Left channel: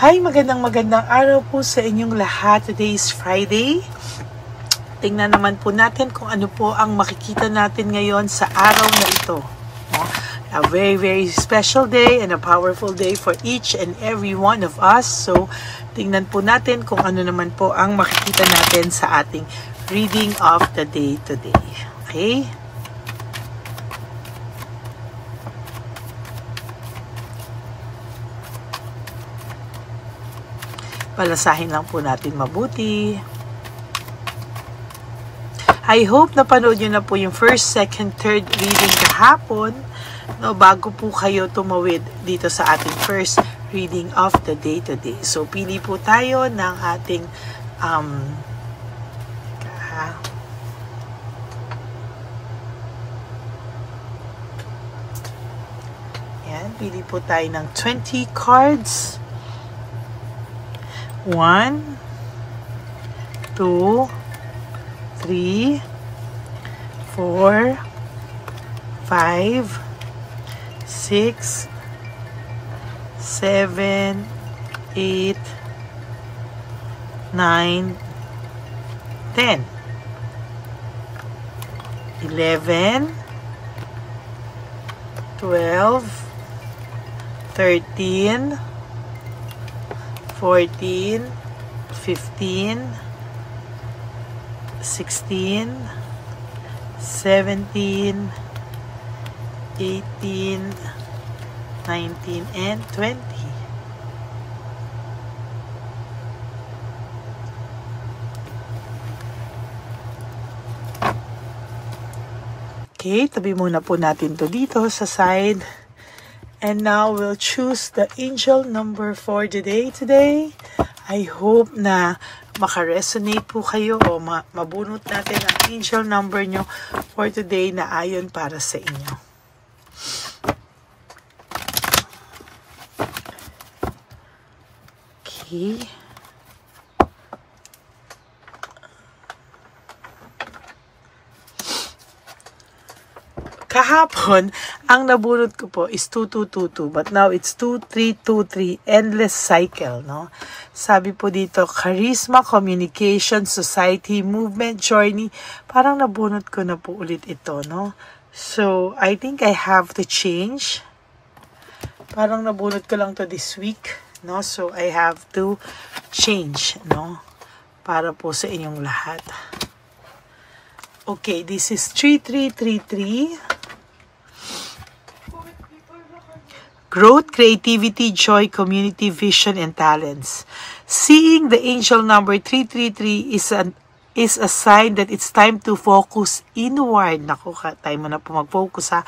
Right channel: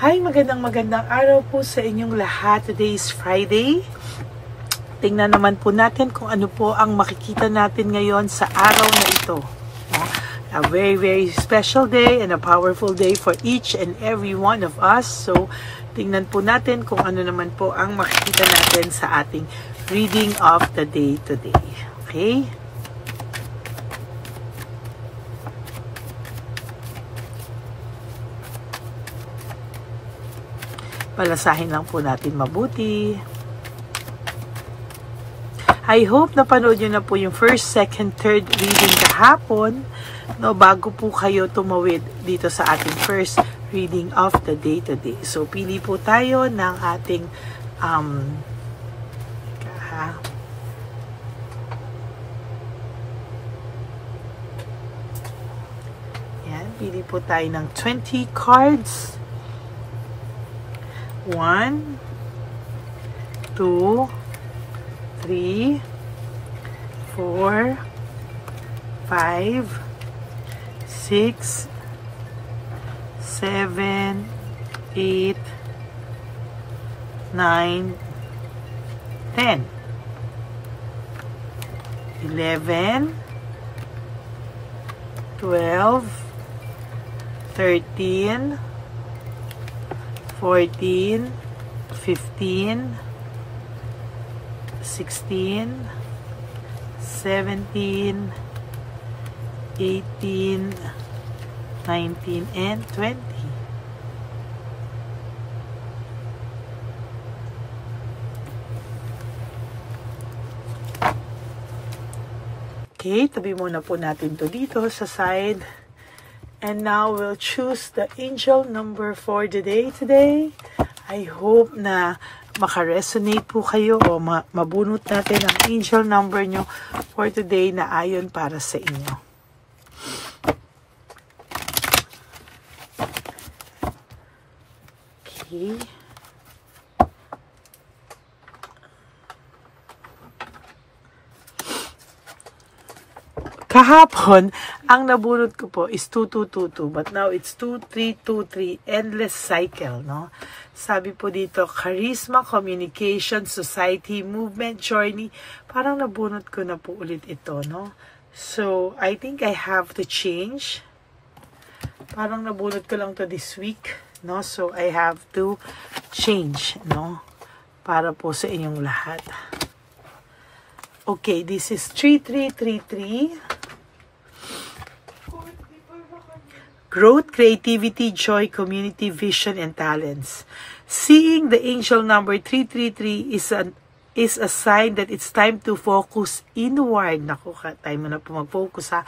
Hi, magandang araw po sa inyong lahat. Today is Friday. Tingnan naman po natin kung ano po ang makikita natin ngayon sa araw na ito. A very, very special day and a powerful day for each and every one of us. So, tingnan po natin kung ano naman po ang makikita natin sa ating reading of the day today. Okay? Palasahin lang po natin mabuti. I hope napanood nyo na po yung first, second, third reading kahapon, no, bago po kayo tumawid dito sa ating first reading of the day today. So, pili po tayo ng ating yan, pili po tayo ng 20 cards. 1, 2, 3, 4, 5, 6, 7, 8, 9, 10, 11, 12, 13, 14, 15, 16, 17, 18, 19, and 20. Okay, tabi muna po natin to dito sa side. And now we'll choose the angel number for the day today. I hope na makaresonate po kayo o mabunot natin ang angel number nyo for today na ayon para sa inyo. Okay. Kahapon, ang nabunot ko po is 2222, but now it's 2323, endless cycle, no? Sabi po dito, charisma, communication, society, movement, journey. Parang nabunot ko na po ulit ito, no? So, I think I have to change. Parang nabunot ko lang to this week, no? So, I have to change, no? Para po sa inyong lahat. Okay, this is 3333. Growth, creativity, joy, community, vision, and talents. Seeing the angel number 333 is a sign that it's time to focus inward. Naku, time mo na po mag-focus ha.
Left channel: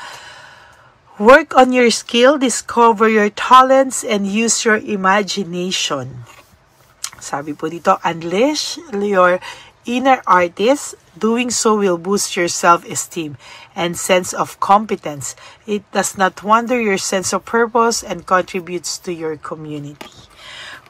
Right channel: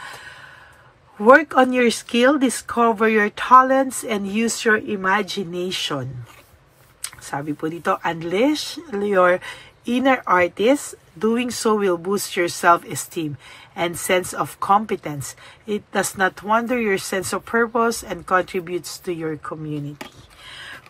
Work on your skill, discover your talents, and use your imagination. Sabi po dito, unleash your inner artist. Doing so will boost your self-esteem and sense of competence. It does not wander your sense of purpose and contributes to your community.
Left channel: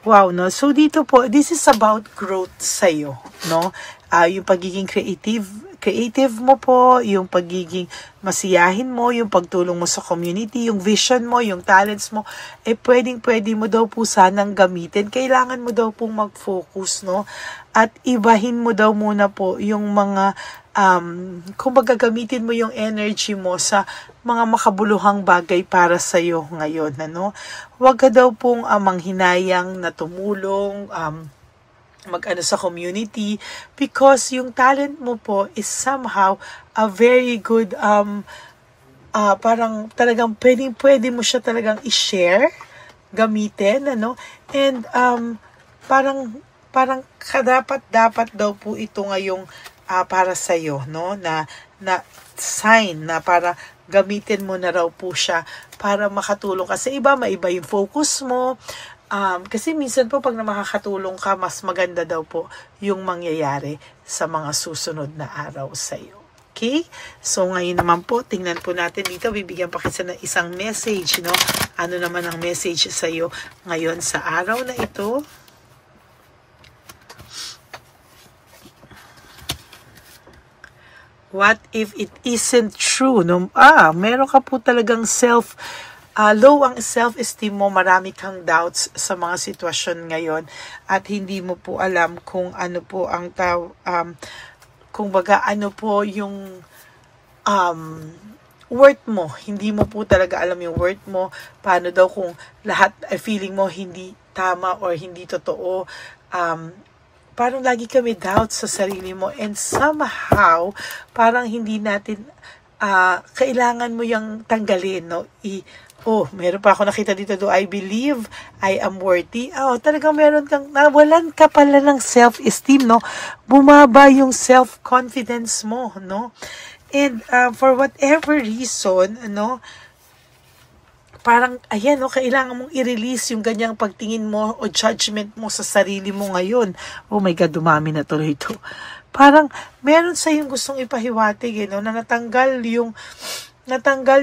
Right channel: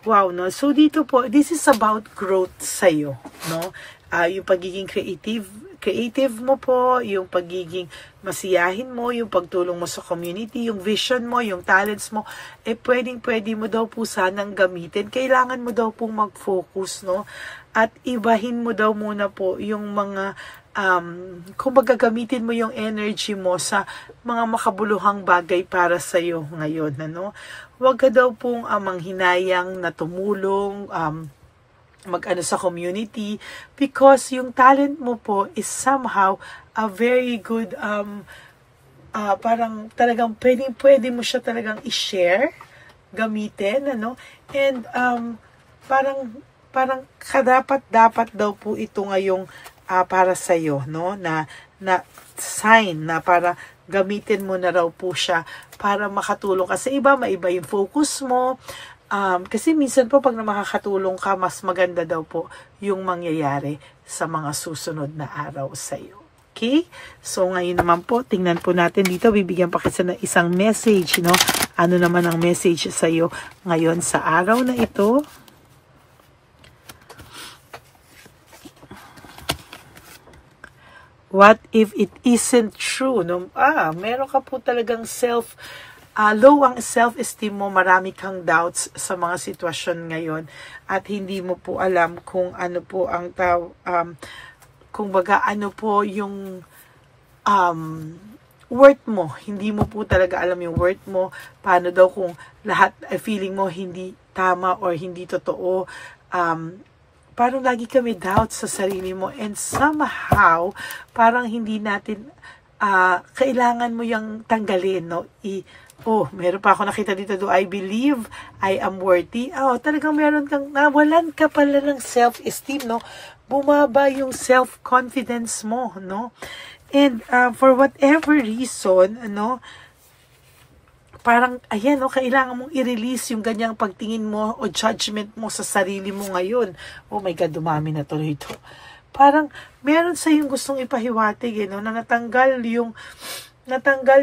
Wow, no? So dito po, this is about growth sa'yo, no? Yung pagiging creative mo po, yung pagiging masiyahin mo, yung pagtulong mo sa community, yung vision mo, yung talents mo, pwede mo daw po sanang gamitin. Kailangan mo daw pong mag-focus, no? At ibahin mo daw muna po yung mga, kung gagamitin mo yung energy mo sa mga makabuluhang bagay para sa'yo ngayon, ano? Huwag ka daw pong manghinayang na tumulong, mag-ano sa community, because yung talent mo po is somehow a very good, parang talagang pwede mo siya talagang i-share, gamitin, ano? And parang dapat daw po ito ngayong para sa iyo, no? Na sign na para gamitin mo na raw po siya para makatulong ka sa iba, maiba yung focus mo. Kasi minsan po pag makakatulong ka, mas maganda daw po yung mangyayari sa mga susunod na araw sa iyo. Okay? So ngayon naman po, tingnan po natin dito, bibigyan pa kasi ng isang message, no? Ano naman ang message sa iyo ngayon sa araw na ito? What if it isn't true? No? Meron ka po talagang low ang self-esteem mo, marami kang doubts sa mga sitwasyon ngayon at hindi mo po alam kung ano po ang kung baga ano po yung worth mo. Hindi mo po talaga alam yung worth mo. Paano daw kung lahat feeling mo hindi tama or hindi totoo. Parang lagi kami doubts sa sarili mo and somehow parang hindi natin kailangan mo yung tanggalin, no? Meron pa ako nakita dito, do I believe I am worthy? Talagang meron kang, nawalan ka pala ng self-esteem, no? Bumaba yung self-confidence mo, no? And for whatever reason, no? Parang, ayan, no? Kailangan mong i-release yung ganyang pagtingin mo o judgment mo sa sarili mo ngayon. Oh my God, dumami na tuloy ito. Parang, meron sa yung gustong ipahiwatig, na natanggal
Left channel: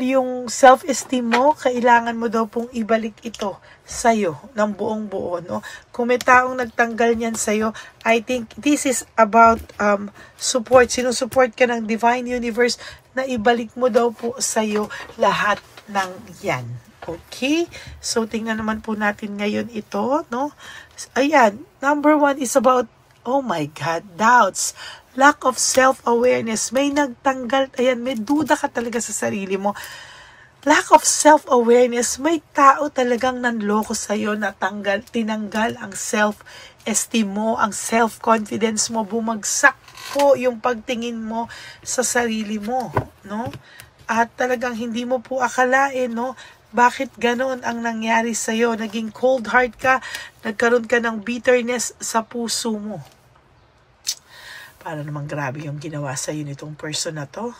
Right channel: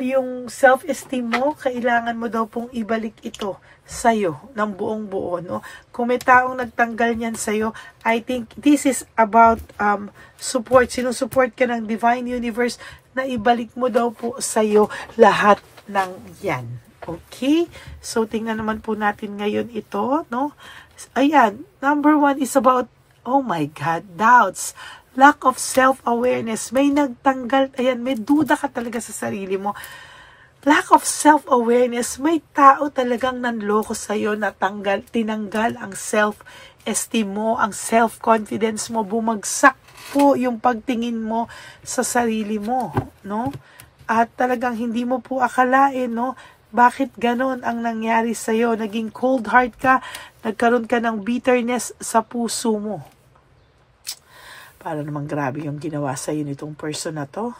yung self-esteem mo, kailangan mo daw pong ibalik ito sa'yo ng buong buo, no? Kung may taong nagtanggal niyan sa'yo, I think this is about support. Sinusupport ka ng Divine Universe na ibalik mo daw po sa'yo lahat ng yan. Okay? So, tingnan naman po natin ngayon ito, no? Ayan, number 1 is about, oh my God, doubts. Lack of self-awareness. May nagtanggal, ayan, may duda ka talaga sa sarili mo. Lack of self-awareness. May tao talagang nanloko sa'yo na tinanggal ang self-esteem mo, ang self-confidence mo. Bumagsak po yung pagtingin mo sa sarili mo, no? At talagang hindi mo po akalain, no? Bakit ganon ang nangyari sa'yo? Naging cold heart ka, nagkaroon ka ng bitterness sa puso mo. Para namang grabe yung ginawa sa'yo nitong person na to.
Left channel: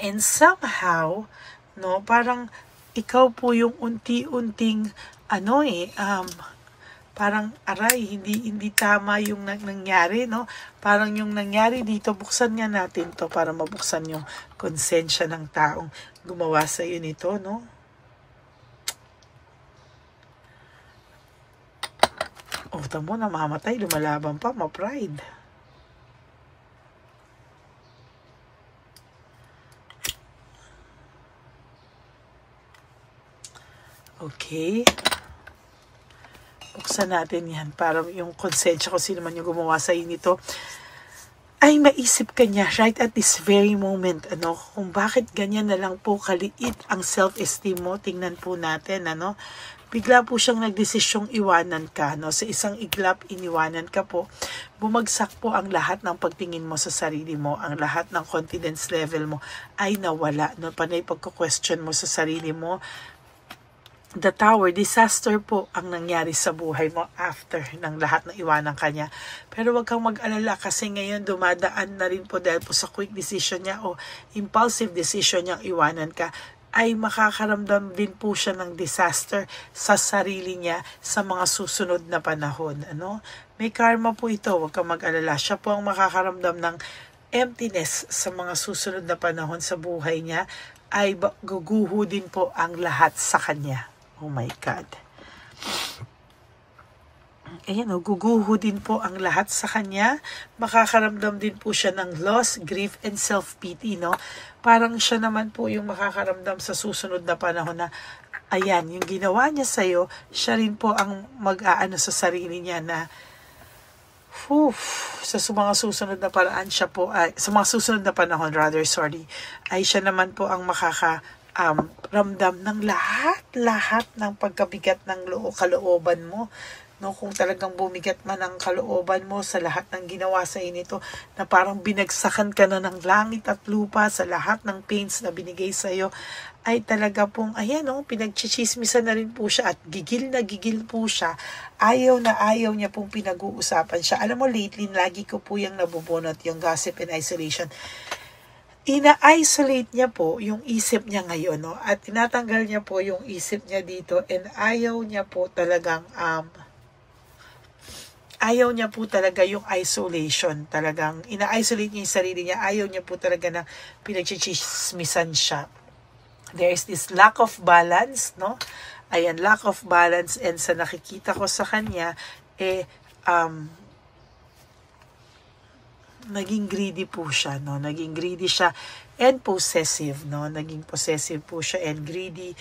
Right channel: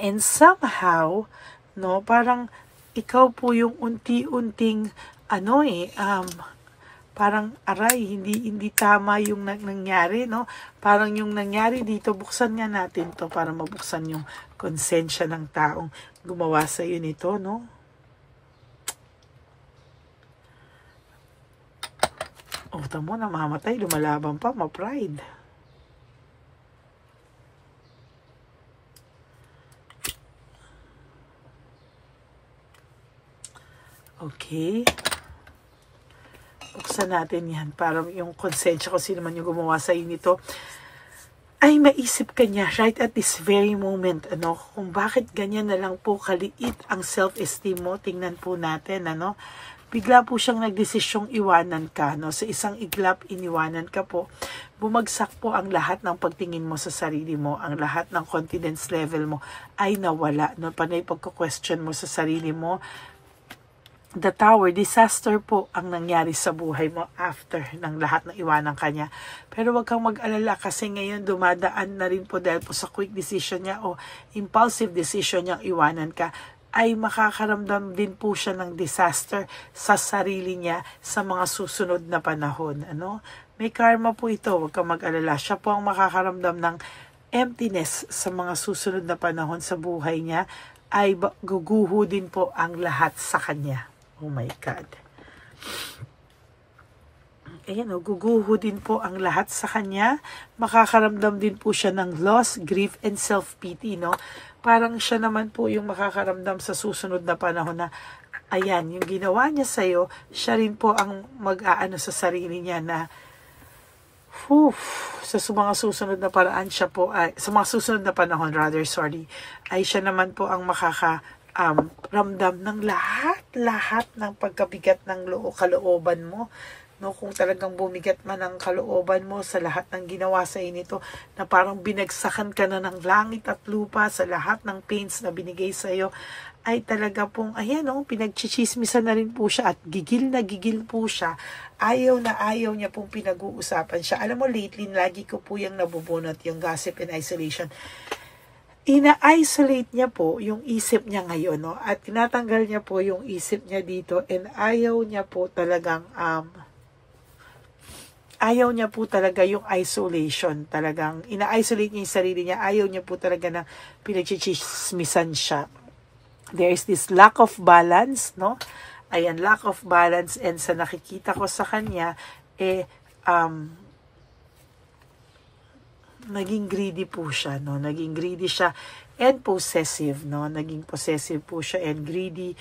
And somehow, no, parang ikaw po yung unti-unting, parang aray, hindi tama yung nangyari, no? Parang yung nangyari dito, buksan nga natin to para mabuksan yung konsensya ng taong gumawa sa'yo nito, no? Tamo, namamatay, lumalaban pa, ma-pride. Okay. Buksan natin yan para yung konsensya ko sino man yung gumawa sa nito ay maisip ka niya right at this very moment, kung bakit ganyan na lang po kaliit ang self-esteem mo. Tingnan po natin, bigla po siyang nagdesisyong iwanan ka, no? Sa isang iglap, iniwanan ka po. Bumagsak po ang lahat ng pagtingin mo sa sarili mo, ang lahat ng confidence level mo ay nawala, no? Panay pagko-question mo sa sarili mo. The Tower, disaster po ang nangyari sa buhay mo after ng lahat ng iwanan ka niya. Pero wag kang mag-alala kasi ngayon dumadaan na rin po dahil po sa quick decision niya o impulsive decision niyang iwanan ka, ay makakaramdam din po siya ng disaster sa sarili niya sa mga susunod na panahon. May karma po ito, huwag kang mag-alala. Siya po ang makakaramdam ng emptiness sa mga susunod na panahon sa buhay niya, ay guguho din po ang lahat sa kanya. Oh my God. Ayan, guguho din po ang lahat sa kanya. Makakaramdam din po siya ng loss, grief, and self-pity, no? Parang siya naman po yung makakaramdam sa susunod na panahon na, ayan, yung ginawa niya sa'yo, siya rin po ang mag-aano sa sarili niya na, sa mga susunod na paraan siya po, sa mga susunod na panahon, ay siya naman po ang ramdam ng lahat ng pagkabigat ng kalooban mo. No, kung talagang bumigat man ang kalooban mo sa lahat ng ginawa sa inito, na parang binagsakan ka na ng langit at lupa sa lahat ng pains na binigay sa iyo, ay talaga pong, ayan, pinagchichismisan na rin po siya at gigil na gigil po siya. Ayaw na ayaw niya pong pinag-uusapan siya. Alam mo, lately, lagi ko po yung nabubunot, yung gossip and isolation. Ina-isolate niya po yung isip niya ngayon, no? At tinatanggal niya po yung isip niya dito, and ayaw niya po talagang, ayaw niya po talaga yung isolation. Talagang ina-isolate niya yung sarili niya. Ayaw niya po talaga na pinagchichismisan siya. There is this lack of balance, no? Ayan, lack of balance, and sa nakikita ko sa kanya, naging greedy po siya, no? Naging greedy siya and possessive, no? Naging possessive po siya and greedy.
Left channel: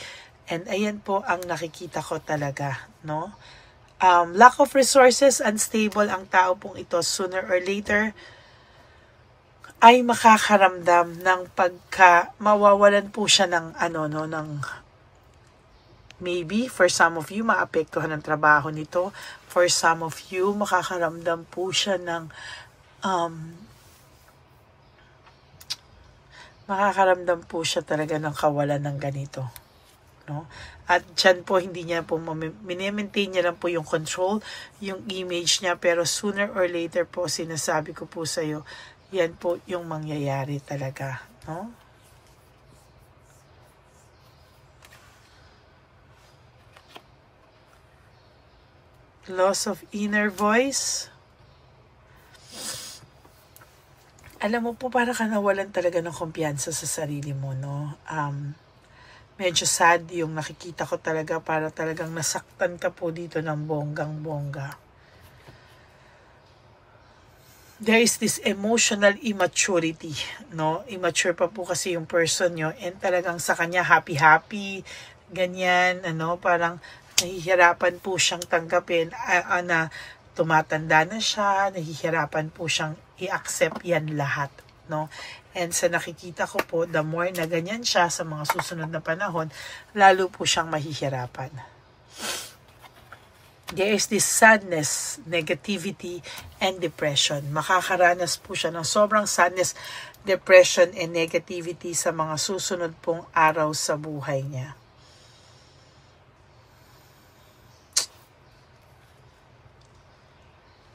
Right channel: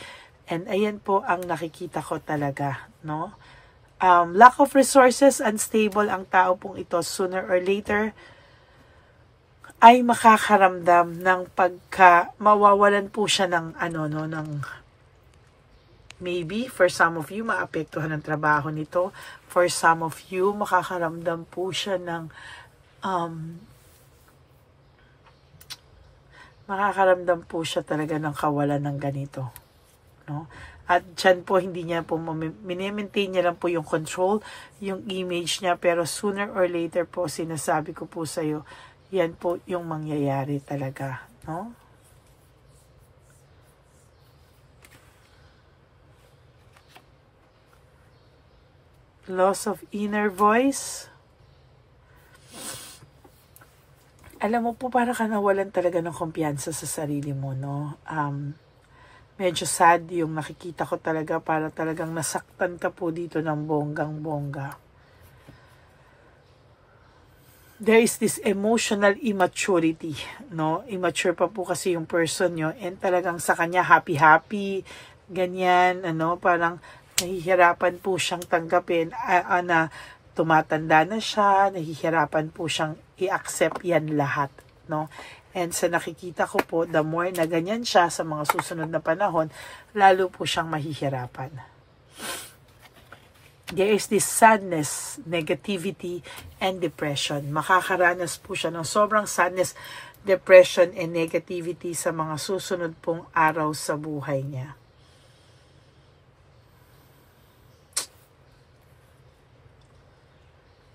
And ayan po ang nakikita ko talaga, no? Lack of resources, unstable ang tao pong ito. Sooner or later, ay makakaramdam ng mawawalan po siya ng ng maybe for some of you maapektuhan ng trabaho nito. For some of you makakaramdam po siya ng makakaramdam po siya talaga ng kawalan ng ganito, no? At dyan po hindi niya po mini-maintain niya lang po yung control, yung image niya, pero sooner or later po sinasabi ko po sa iyo, yan po yung mangyayari talaga, no? Loss of inner voice. Alam mo po, para ka nawalan talaga ng kumpiyansa sa sarili mo, no? Medyo sad yung nakikita ko talaga, para talagang nasaktan ka po dito ng bonggang-bongga. There is this emotional immaturity, no? Immature pa po kasi yung person nyo, and talagang sa kanya happy-happy, ganyan, parang nahihirapan po siyang tanggapin, na tumatanda na siya, nahihirapan po siyang i-accept yan lahat, no? And sa nakikita ko po, the more na ganyan siya sa mga susunod na panahon, lalo po siyang mahihirapan. There is this sadness, negativity, and depression. Makakaranas po siya ng sobrang sadness, depression, and negativity sa mga susunod pong araw sa buhay niya.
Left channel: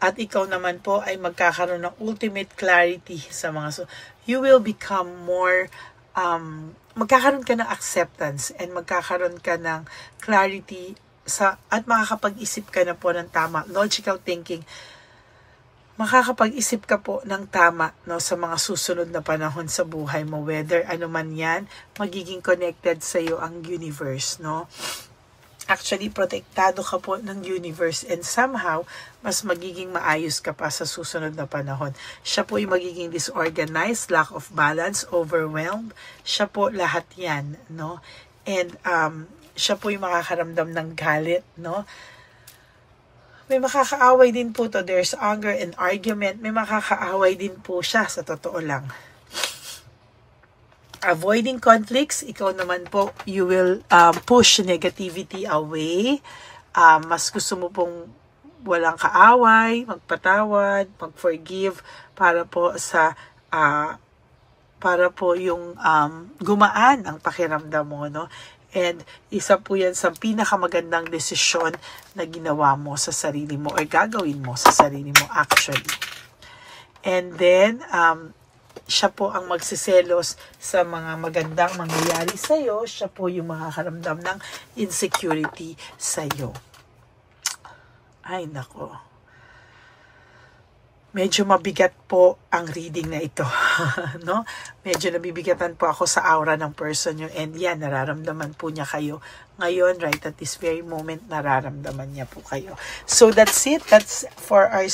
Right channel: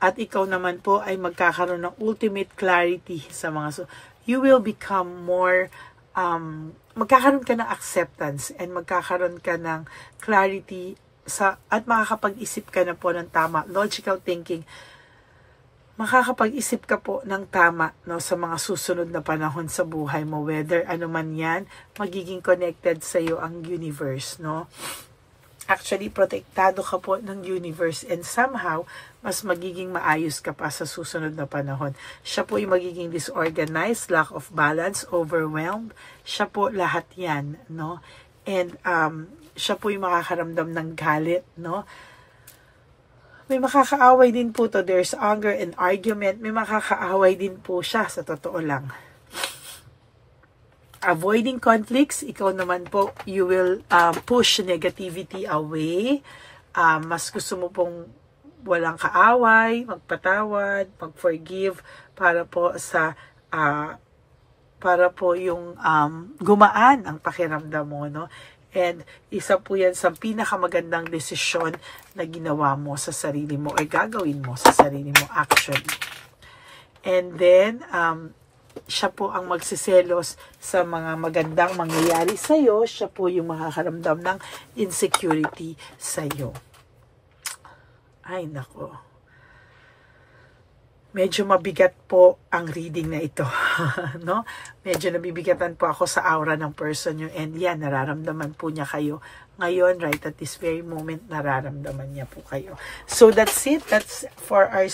At ikaw naman po ay magkakaroon ng ultimate clarity sa mga you will become more magkakaroon ka ng acceptance and magkakaroon ka ng clarity at makakapag-isip ka na po ng tama, logical thinking. Makakapag-isip ka po ng tama, no, sa mga susunod na panahon sa buhay mo, whether ano man yan, magiging connected sa iyo ang universe, no? Actually, protektado ka po ng universe, and somehow, mas magiging maayos ka pa sa susunod na panahon. Siya po yung magiging disorganized, lack of balance, overwhelmed. Siya po lahat yan, no? And siya po yung makakaramdam ng galit, no? May makakaaway din po to. There's anger and argument. May makakaaway din po siya, sa totoo lang. Avoiding conflicts, ikaw naman po, you will push negativity away. Mas gusto mo pong walang kaaway, magpatawad, mag-forgive, para po yung gumaan ang pakiramdam mo, no? And isa po yan sa pinakamagandang desisyon na ginawa mo sa sarili mo or gagawin mo sa sarili mo actually. And then, siya po ang magsiselos sa mga magandang mangyayari sa iyo. Siya po yung makakaramdam ng insecurity sa iyo. Ay, nako. Medyo mabigat po ang reading na ito, no? Medyo nabibigatan po ako sa aura ng person nyo, and yan, nararamdaman po niya kayo. Ngayon, right at this very moment, nararamdaman niya po kayo. So that's it. That's for our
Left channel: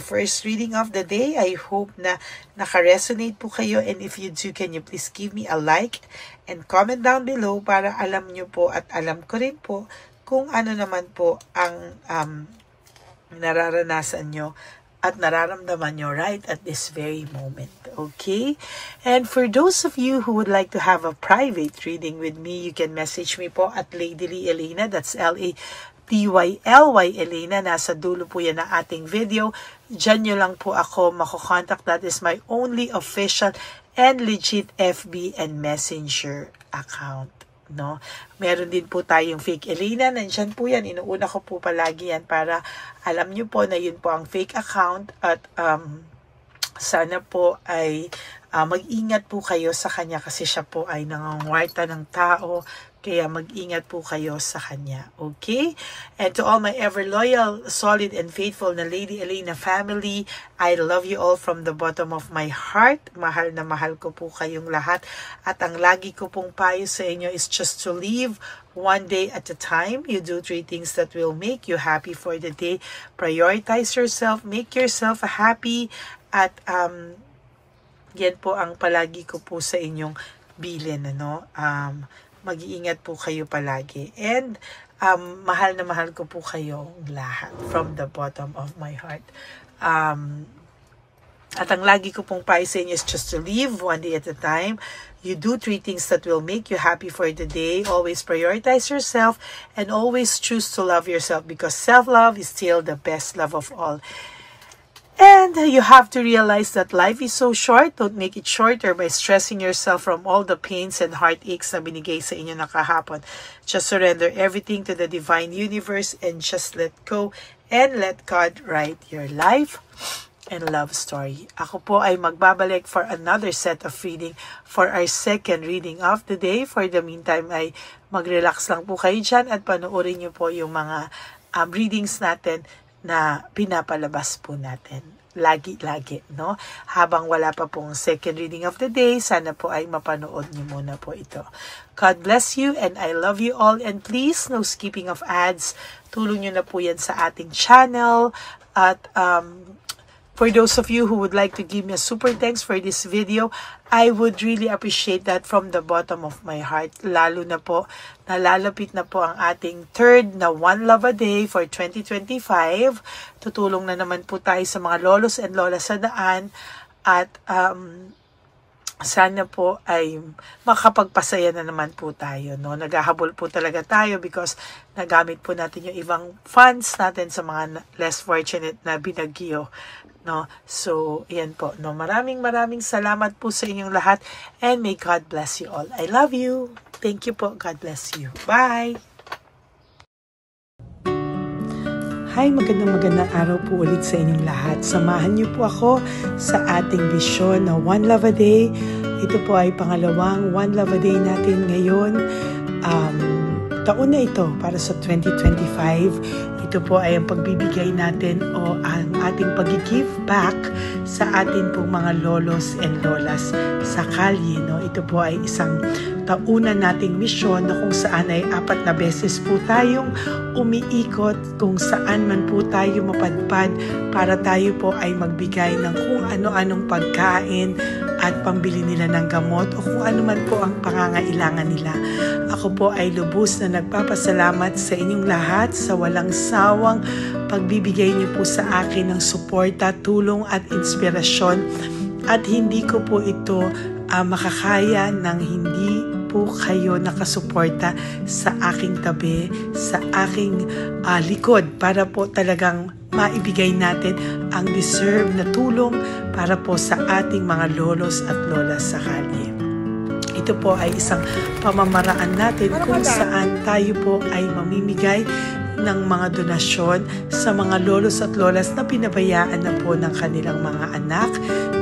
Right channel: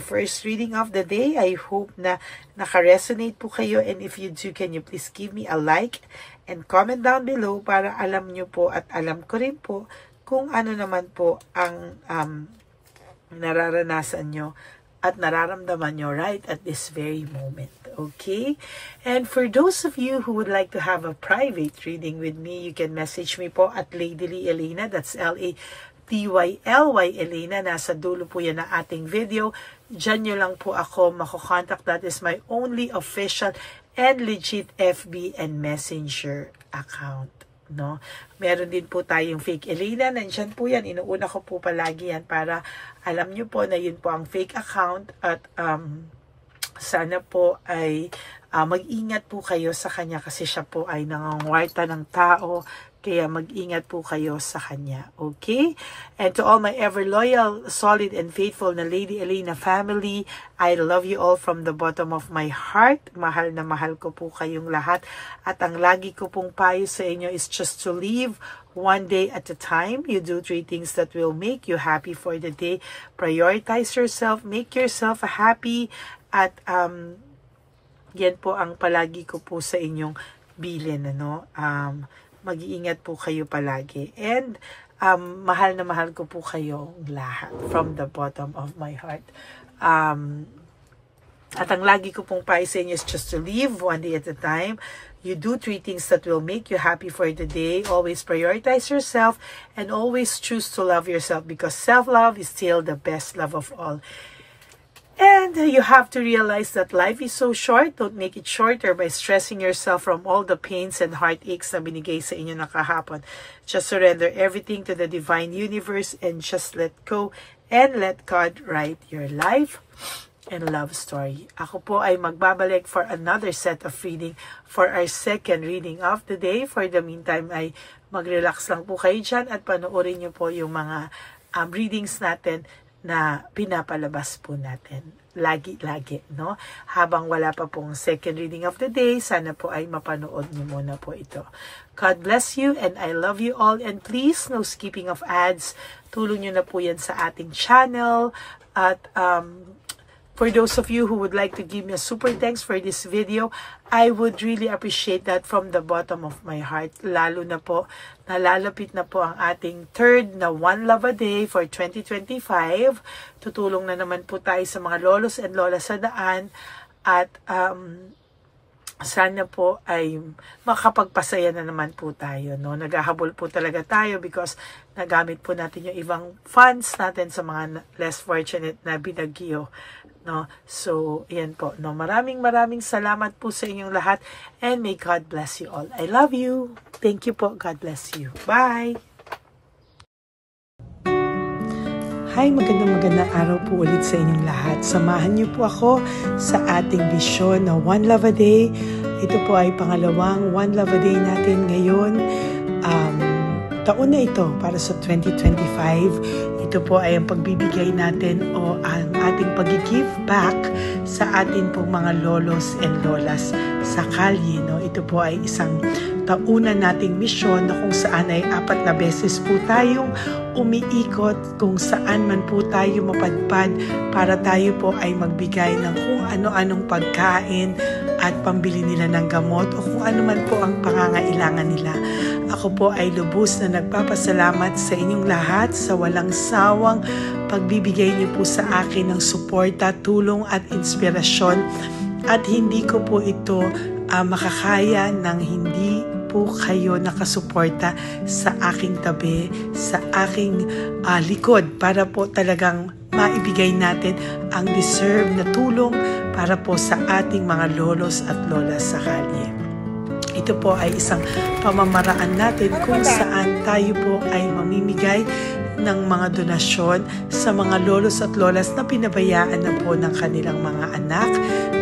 first reading of the day. I hope na naka-resonate po kayo, and if you do, can you please give me a like and comment down below para alam nyo po at alam ko rin po kung ano naman po ang nararanasan nyo at nararamdaman nyo right at this very moment. Okay? And for those of you who would like to have a private reading with me, you can message me po at Ladyly Elena. That's L-A-D-Y-L-Y Elena. Nasa dulo po yan ng ating video. Diyan nyo lang po ako makokontact. That is my only official and legit FB and Messenger account, no? Meron din po tayong fake Elena. Nandiyan po yan. Inuuna ko po palagi yan para alam nyo po na yun po ang fake account, at sana po ay mag-ingat po kayo sa kanya kasi siya po ay nangangwarta ng tao, Kaya mag-ingat po kayo sa kanya. Okay? And to all my ever loyal, solid, and faithful na Lady Elena family, I love you all from the bottom of my heart. Mahal na mahal ko po kayong lahat. At ang lagi ko pong payo sa inyo is just to live one day at a time. You do 3 things that will make you happy for the day. Prioritize yourself. Make yourself happy. At yan po ang palagi ko po sa inyong bilin. Mag-iingat po kayo palagi. And mahal na mahal ko po kayo lahat from the bottom of my heart. At ang lagi ko pong payo sa inyo is just to live one day at a time. You do 3 things that will make you happy for the day. Always prioritize yourself and always choose to love yourself because self-love is still the best love of all. And you have to realize that life is so short. Don't make it shorter by stressing yourself from all the pains and heartaches na binigay sa inyo na kahapon. Just surrender everything to the divine universe and just let go and let God write your life and love story. Ako po ay magbabalik for another set of reading for our second reading of the day. For the meantime ay mag-relax lang po kayo dyan at panoorin niyo po yung mga readings natin na pinapalabas po natin. Lagi-lagi, no? Habang wala pa pong second reading of the day, sana po ay mapanood niyo muna po ito. God bless you and I love you all. And please, no skipping of ads. Tulong niyo na po yan sa ating channel. At for those of you who would like to give me a super thanks for this video, I would really appreciate that from the bottom of my heart. Lalo na po, nalalapit na po ang ating third na One Love a Day for 2025. Tutulong na naman po tayo sa mga lolos and lolas sa daan. At sana po ay makapagpasaya na naman po tayo. No? Naghahabol po talaga tayo because nagamit po natin yung ibang funds natin sa mga less fortunate na binagyo. No? So, yan po. No? Maraming salamat po sa inyong lahat and may God bless you all. I love you. Thank you po. God bless you. Bye! Hi, magandang araw po ulit sa inyong lahat. Samahan niyo po ako sa ating vision na One Love a Day. Ito po ay pangalawang One Love a Day natin ngayon. Taon na ito para sa 2025. Ito po ay ang pagbibigay natin o ang ating pag-give back sa atin pong mga lolos and lolas sa kalye. No? Ito po ay isang taunan nating misyon na kung saan ay 4 na beses po tayong umiikot kung saan man po tayo mapadpad para tayo po ay magbigay ng kung ano-anong pagkain at pambili nila ng gamot o kung ano man po ang pangangailangan nila. Ako po ay lubos na nagpapasalamat sa inyong lahat sa walang sawang pagbibigay niyo po sa akin ng suporta, tulong at inspirasyon at hindi ko po ito makakaya ng hindi po kayo nakasuporta sa aking tabi, sa aking likod para po talagang maibigay natin ang deserve na tulong para po sa ating mga lolos at lolas sa kalye. Ito po ay isang pamamaraan natin kung saan tayo po ay mamimigay ng mga donasyon sa mga lolos at lolas na pinabayaan na po ng kanilang mga anak,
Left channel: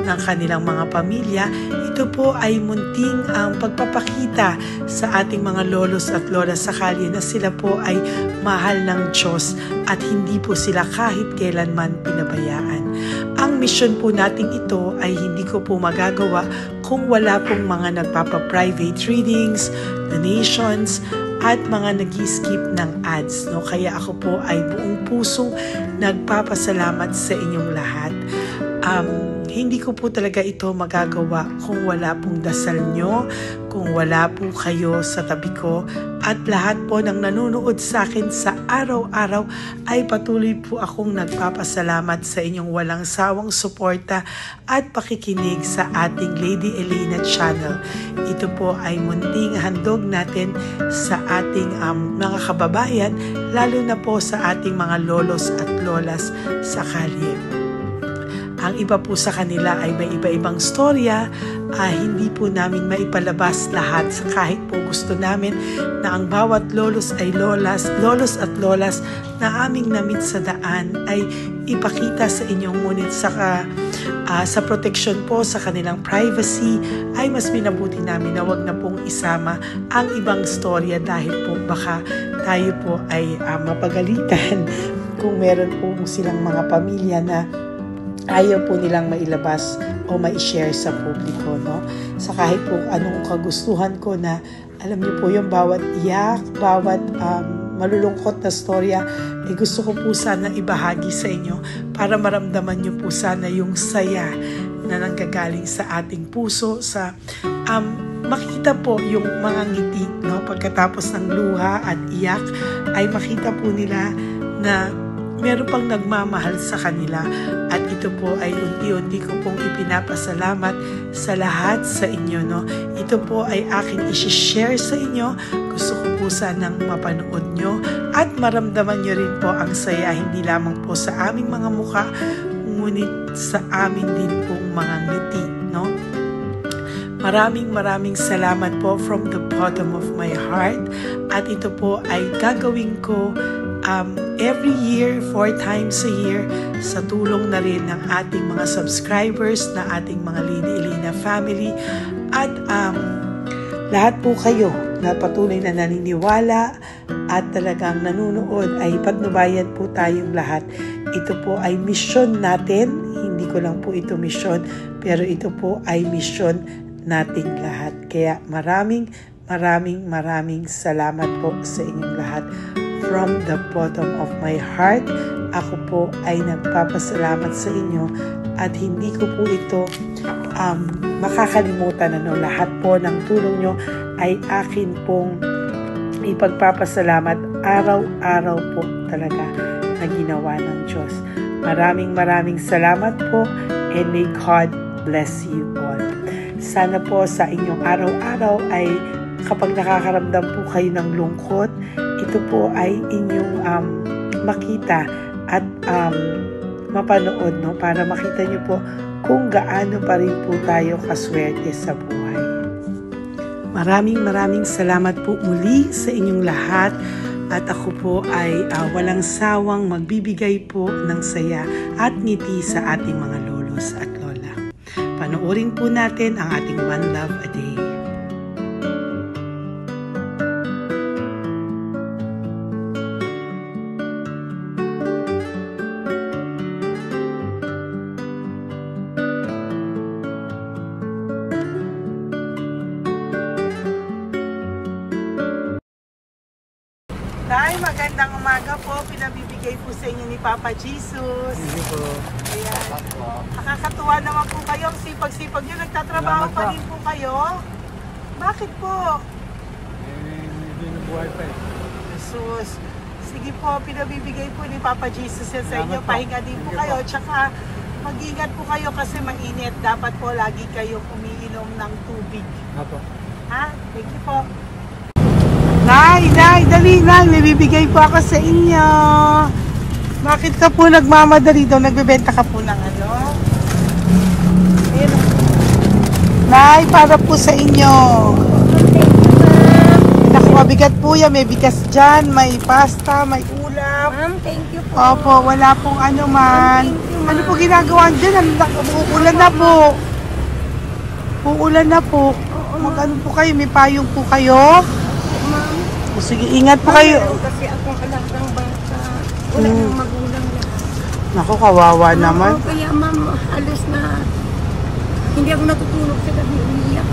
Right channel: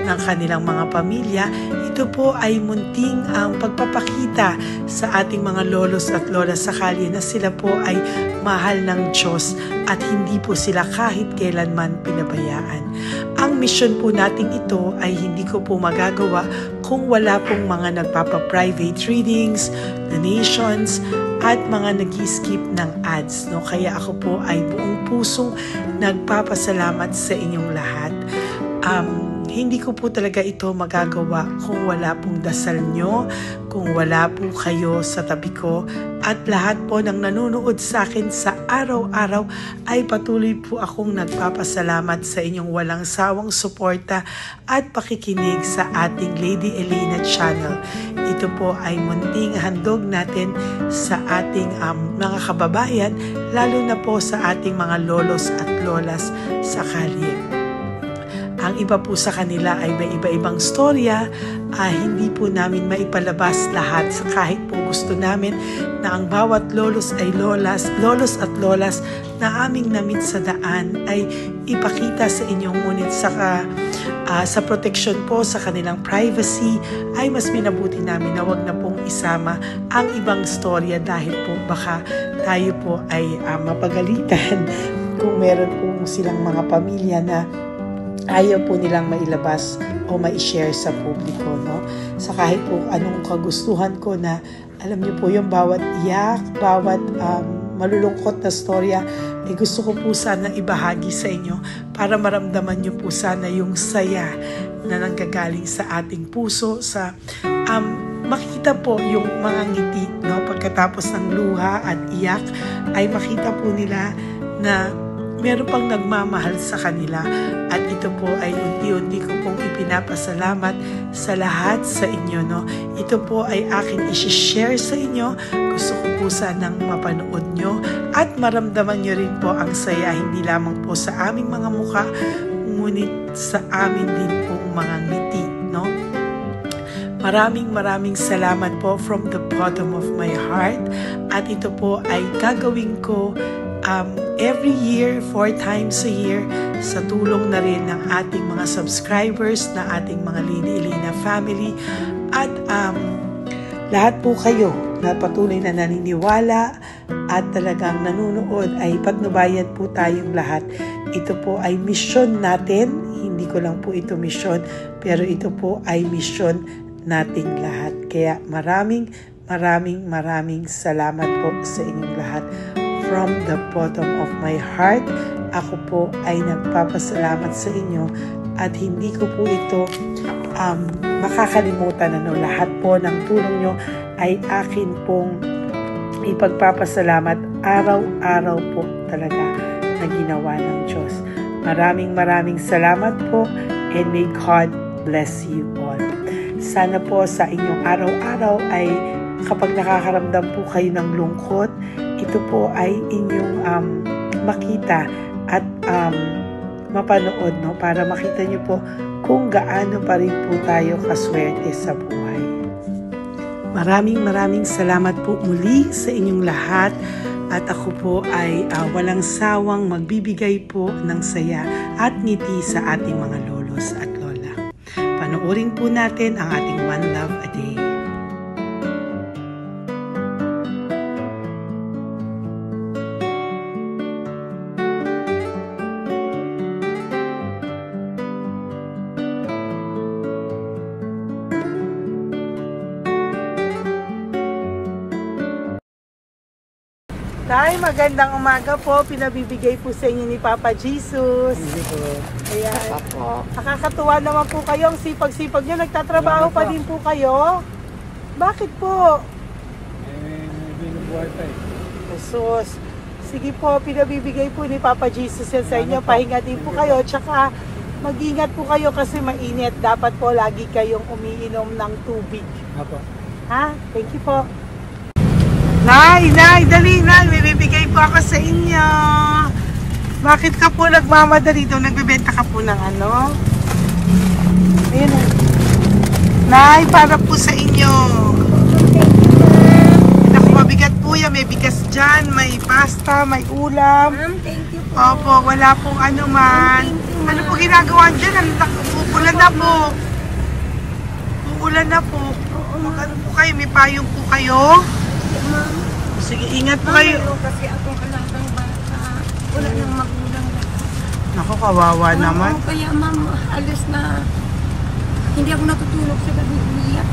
ng kanilang mga pamilya. Ito po ay munting ang pagpapakita sa ating mga lolos at lolas sa kalye na sila po ay mahal ng Diyos at hindi po sila kahit kailanman pinabayaan. Ang mission po nating ito ay hindi ko po magagawa kung wala pong mga nagpapa-private readings, donations, at mga nag-skip ng ads. No? Kaya ako po ay buong pusong nagpapasalamat sa inyong lahat. Hindi ko po talaga ito magagawa kung wala pong dasal nyo, kung wala po kayo sa tabi ko, at lahat po ng nanonood sa akin sa araw-araw ay patuloy po akong nagpapasalamat sa inyong walang sawang suporta at pakikinig sa ating Lady Elena channel. Ito po ay munting handog natin sa ating mga kababayan, lalo na po sa ating mga lolos at lolas sa kalye. Ang iba po sa kanila ay may iba-ibang storya, hindi po namin maipalabas lahat sa kahit po gusto namin na ang bawat lolos at lolas na aming namit sa daan ay ipakita sa inyong ngunit saka sa protection po sa kanilang privacy, ay mas minabuti namin na wag na pong isama ang ibang storya dahil po baka tayo po ay mapagalitan kung meron po silang mga pamilya na ayaw po nilang mailabas o ma-share sa publiko, no? Sa kahit po anong kagustuhan ko na, alam niyo po yung bawat iyak, bawat malulungkot na storya, gusto ko po sana ibahagi sa inyo para maramdaman niyo po sana yung saya na nanggagaling sa ating puso, sa makita po yung mga ngiti, no? Pagkatapos ng luha at iyak, ay makita po nila na meron pang nagmamahal sa kanila, at ito po ay unti-unti ko pong ipinapasalamat sa lahat sa inyo, no? Ito po ay aking i-share sa inyo. Gusto ko po sanang mapanood nyo at maramdaman nyo rin po ang saya, hindi lamang po sa aming mga muka, ngunit sa amin din pong mga ngiti, no? Maraming salamat po from the bottom of my heart, at ito po ay gagawin ko every year, 4 times a year, sa tulong na rin ng ating mga subscribers, na ating mga Lady Elena family, at lahat po kayo na patuloy na naniniwala at talagang nanonood, ay patnubayan po tayong lahat. Ito po ay mission natin, hindi ko lang po ito mission, pero ito po ay mission nating lahat. Kaya maraming salamat po sa inyong lahat. From the bottom of my heart, ako po ay nagpapasalamat sa inyo, at hindi ko po ito makakalimutan. Lahat po ng tulong nyo ay akin pong ipagpapasalamat araw-araw po talaga na ginawa ng Diyos. Maraming salamat po, and may God bless you all. Sana po sa inyong araw-araw ay kapag nakakaramdam po kayo ng lungkot, ito po ay inyong makita at mapanood, no? Para makita nyo po kung gaano pa rin po tayo kaswerte sa buhay. Maraming salamat po muli sa inyong lahat, at ako po ay walang sawang magbibigay po ng saya at ngiti sa ating mga lolos at lola. Panoorin po natin ang ating One Love a Day. Nay, magandang umaga po. Pinabibigay po sa inyo ni Papa Jesus. Hindi po. Ayan. Nakakatuwa naman po kayo. Ang sipag-sipag nyo. Nagtatrabaho pa din po kayo. Bakit po? Binubuhay pa eh. Jesus. Sige po, pinabibigay po ni Papa Jesus yan sa inyo. Pahinga din po kayo. Tsaka mag-ingat po kayo kasi mainit. Dapat po lagi kayong umiinom ng tubig. Apo. Ha? Thank you po. Nay, dali na. Nilibigay po ako sa inyo. Bakit ka po nagmamadali daw? Nagbebenta ka po ng ano? Ayun. Nay, para po sa inyo. Naku, mabigat po yan. May bigas dyan, may pasta, may ulam. Ma'am, thank you po. Opo, wala pong ano man. Ano po ginagawa dyan? Uulan na po. Uulan na po. Mag-ano po kayo? May payong po kayo? Ma'am. O sige, ingat po kayo. Kasi akong alagang bata. Wala nang magulang lahat. Naku, kawawa naman. Kaya ma'am, halos na hindi ako natutulog sa gabi. Iiyak.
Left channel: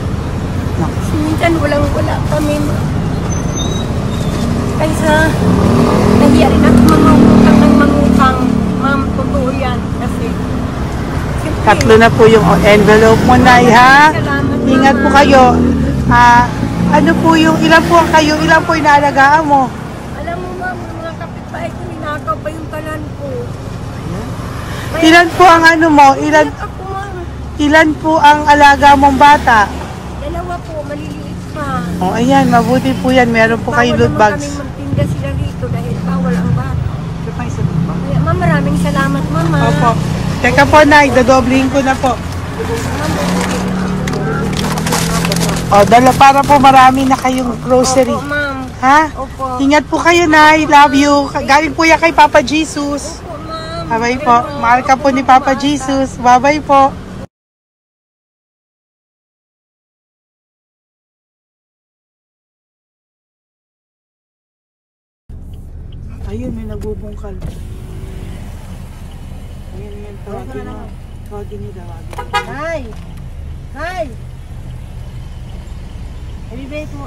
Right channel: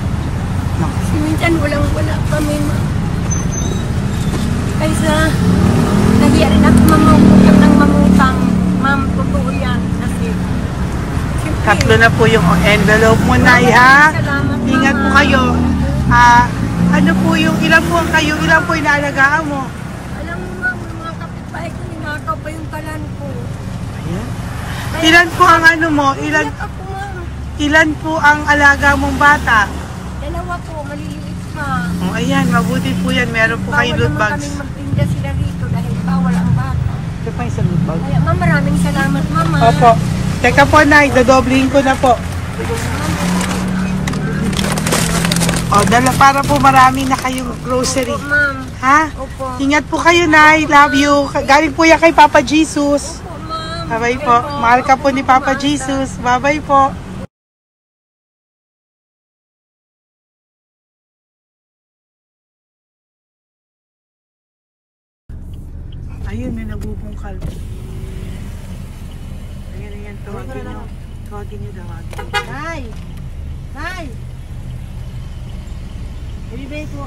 Naku. Minsan wala kami ma'am. Kaysa kaya rin ako mangutang ng mangutang. Ma'am, totoo yan. Kasi Tatlo na po yung envelope mo, Nay, ha? Ingat po kayo. Ano po yung, ilan po inaalagaan mo? alam mo ma'am, yung mga kapitbahay ko, ninakaw pa yung kalan ko. Ayan. Ilan po ang ano mo? Ilan ako ma'am? Ilan po ang alaga mong bata? 2 po, maliliit pa. O, ayan, mabuti po yan. Meron po kayo loot Bawal naman bags. kami magtinda sila rito dahil bawal ang bata. Ito pa yung sa loot bag. Kaya ma'am, maraming salamat mama. Opo. Teka po, Nay, dodoblihin ko na po. O, dala para po marami na kayong grocery. Opo ma'am. Ha? Opo. Ingat po kayo, Nay. Love you. Galing po yan kay Papa Jesus. Opo ma'am. Bye-bye po. Mahal ka po ni Papa Jesus. Bye-bye po. Ayun, may nagbubungkal. Ayan, tawagin nyo. Tawagin nyo daw. Nay! Nay! Ibibigay po.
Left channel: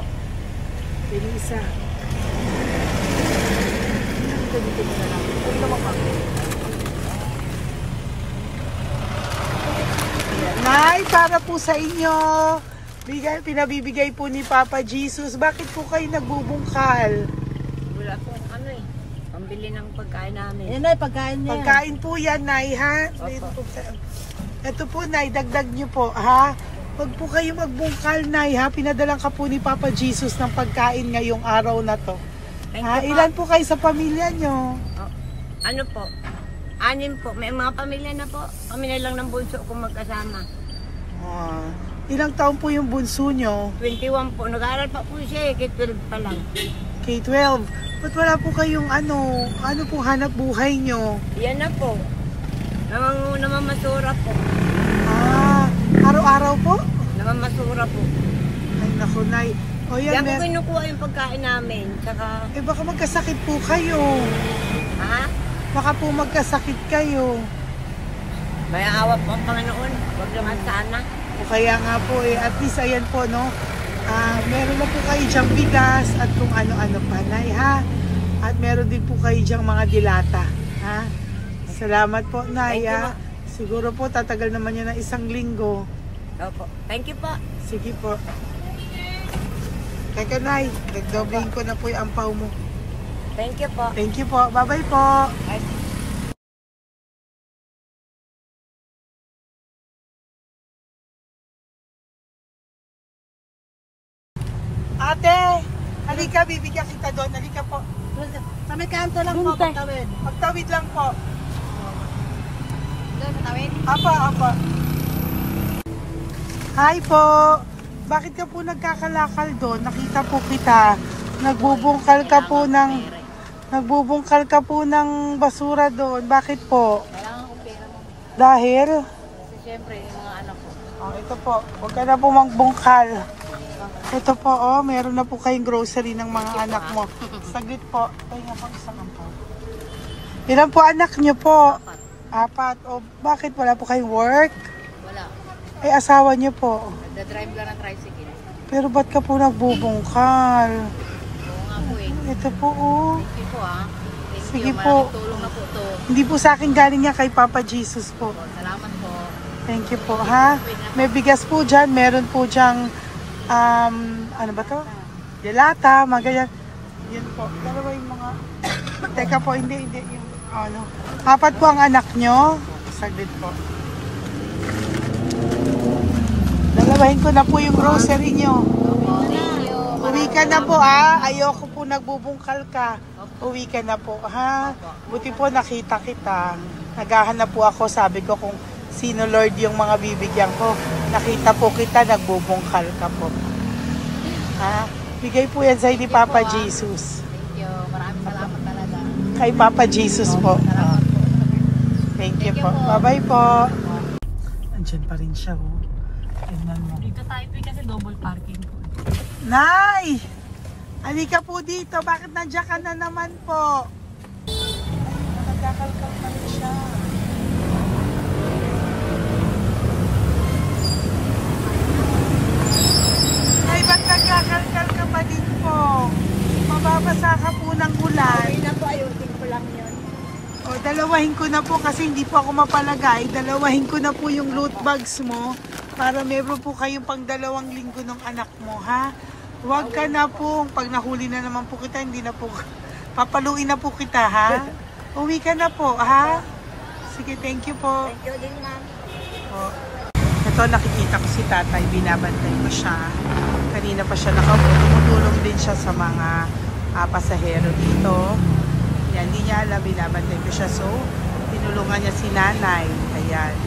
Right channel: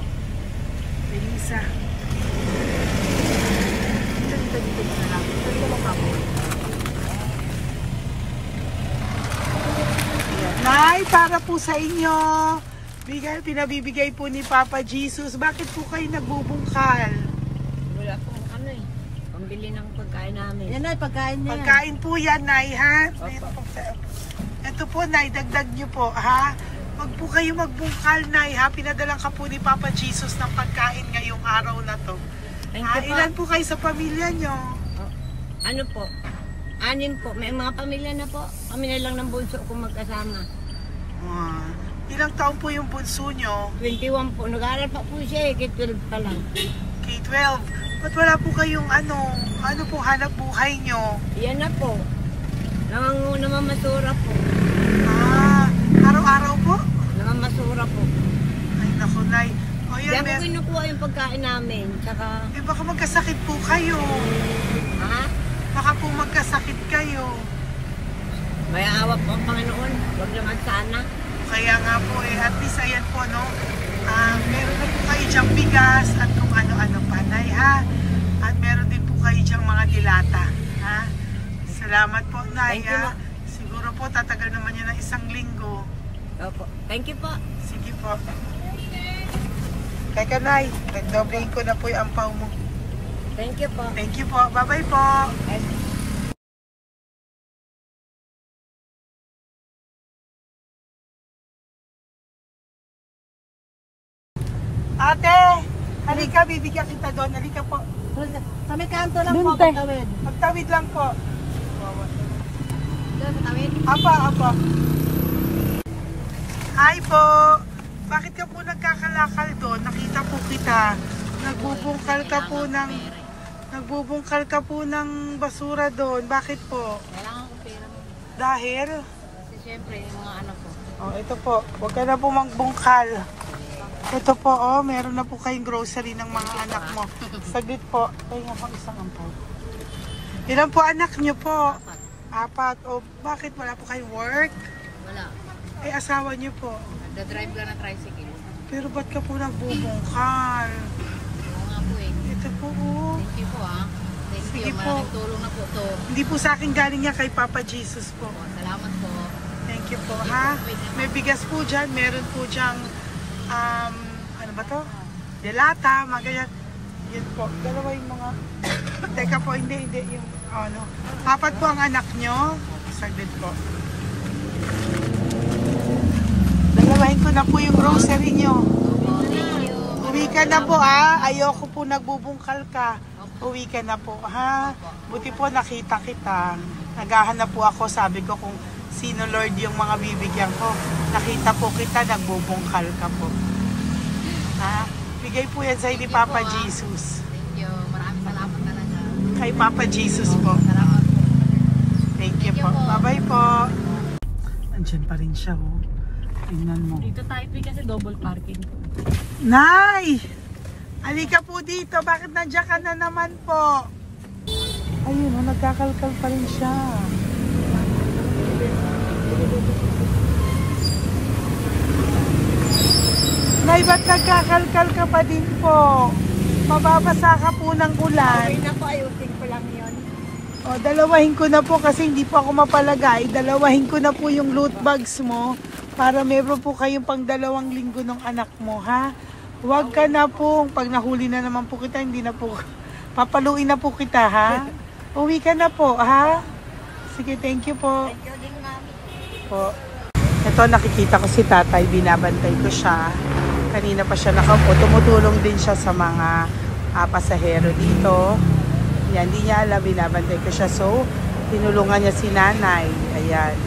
Elisa. Dito na lang. Dito mo ka. Nay, para po sa inyo. Pinabibigay po ni Papa Jesus. Bakit po kayo nagbubungkal? Wala po pambili ng pagkain namin. Yan ay pagkain niya. Pagkain po yan, Nay, ha? Ito po, Nay, dagdag nyo po, ha? Huwag po kayo magbungkal, Nay, ha? Pinadalang ka po ni Papa Jesus ng pagkain ngayong araw na to. Thank you po. Ilan po kayo sa pamilya nyo? Ano po? 6 po. May mga pamilya na po. Kami na lang ng bunso kung magkasama. Ilang taon po yung bunso nyo? 21 po. Nag-aaral pa po siya. K-12 pa lang. K-12. Ba't wala po kayong ano po hanap buhay nyo? Yan na po. Namamasura po. Araw-araw po? Namamasura po. Ay, naku, Nay. Yan po kinukuha yung pagkain namin. Tsaka... baka magkasakit po kayo. Ha? Baka po magkasakit kayo. May awa po ang Panginoon. Huwag naman sana. Kaya nga po at least ayan po, no? Meron na po kayo dyang bigas at kung ano-ano pa, Nay, ha? At meron din po kayo dyang mga dilata, ha? Salamat po, Nay, ha? Siguro po tatagal naman yun ng 1 linggo. Opo. Thank you po. Sige po. Teka, Nay, nagdobling ko na po yung ampaw mo. Thank you po. Thank you po. Bye-bye po. Ate, halika, bibigyan kita doon. Halika po. Sa may kanto lang po, pagtawid. Pagtawid lang po. Doon, pagtawid? Apa. Hi po. Bakit ka po nagkakalakal doon? Nakita po kita. Nagbubungkal ka po ng basura doon. Bakit po? Kailangan ko pera mo. Dahil? Kasi siyempre, yung mga anak ko. Ito po. Huwag ka na po magbungkal. Ito po, meron na po kayong grocery ng mga anak mo. Saglit po. Ay nga po, isang ampaw. Ilan po anak niyo po? 4. Bakit wala po kayong work? Wala. Asawa niyo po? Nagda-drive lang ng tricycle. Pero ba't ka po nagbubungkal? Oo nga po Ito po, Thank you po Thank Sige you. po. Maraming tulong na po to. Hindi po sa akin galing yan kay Papa Jesus po. Salamat po. Thank you po, ha? May bigas po dyan. Meron po dyang, ano ba to? Delata, mga ganyan. Yun po. Dalawa yung mga... Teka po, hindi. Yung, 4 po ang anak nyo. Saglit po. Dalawahin ko na po yung grocery nyo. Uwi ka na po, ha? Ayoko po nagbubungkal ka. Uwi ka na po, ha? Buti po nakita kita. Naghahanap po ako, sabi ko kung sino Lord yung mga bibigyan ko. Nakita po kita, nagbubungkal ka po. Ha? Bigay po yan sa ni Papa Jesus. Thank you. Maraming salamat talaga. Kay Papa Jesus po. Thank you po. Bye-bye po. Andyan pa rin siya, oh. Tingnan mo. Dito tayo kasi double parking. Nay! Halika po dito. Bakit nandiyan ka na naman po? Ayun, nagkakalkal pa rin siya. Nay, ba't nagkakalkal ka pa din po? Mababasa ka po ng ulan. Ay na po, ayusin ko lang yun. Dalawahin ko na po kasi hindi po ako mapalagay. Dalawahin ko na po yung loot bags mo para meron po kayong pang 2 linggo ng anak mo, ha? Huwag ka na po. Pag nahuli na naman po kita, hindi na po. Papaluin na po kita, ha? Uwi ka na po, ha? Sige, thank you po. Thank you din, ma'am. Po. Ito, nakikita ko si tatay. Binabantay ko siya. Kanina pa siya nakaupo. Tumutulong din siya sa mga pasahero dito. Yan, hindi niya alam. Binabantay ko siya. So, tinulungan niya si nanay. Ayan.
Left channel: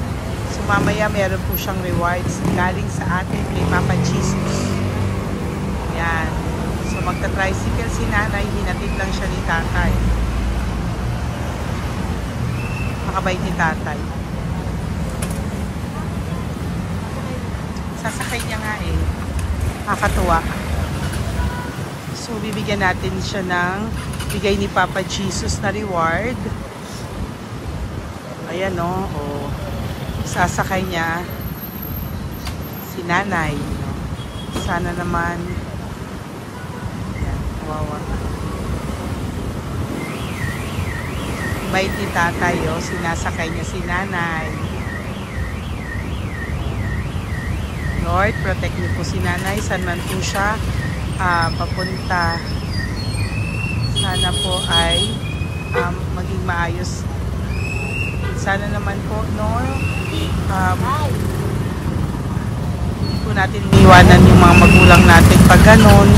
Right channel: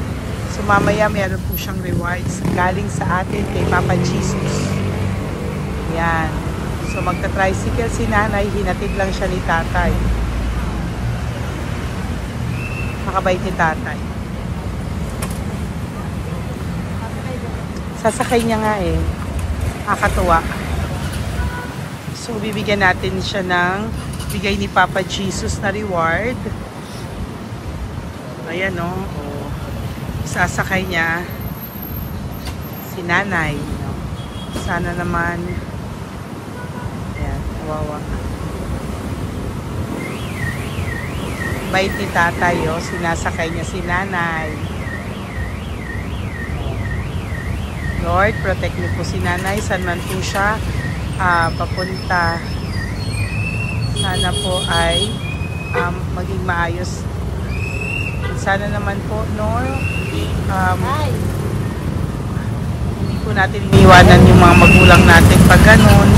So, mamaya meron po siyang rewards galing sa atin kay Papa Jesus. Yan. So, magta-tricycle si nanay. Hinatid lang siya ni tatay. Makabait ni tatay. Sasakay niya nga eh. Nakakatuwa. So, bibigyan natin siya ng bigay ni Papa Jesus na reward. Ayan o, sasakay niya si nanay. No? Sana naman, ayan, kawawa. Bait ni tatay, sinasakay niya si nanay. Lord, protect niyo po si nanay, saan man po siya papunta. Sana po ay maging maayos. Sana naman po, hindi po natin iniwanan yung mga magulang natin pag ganun.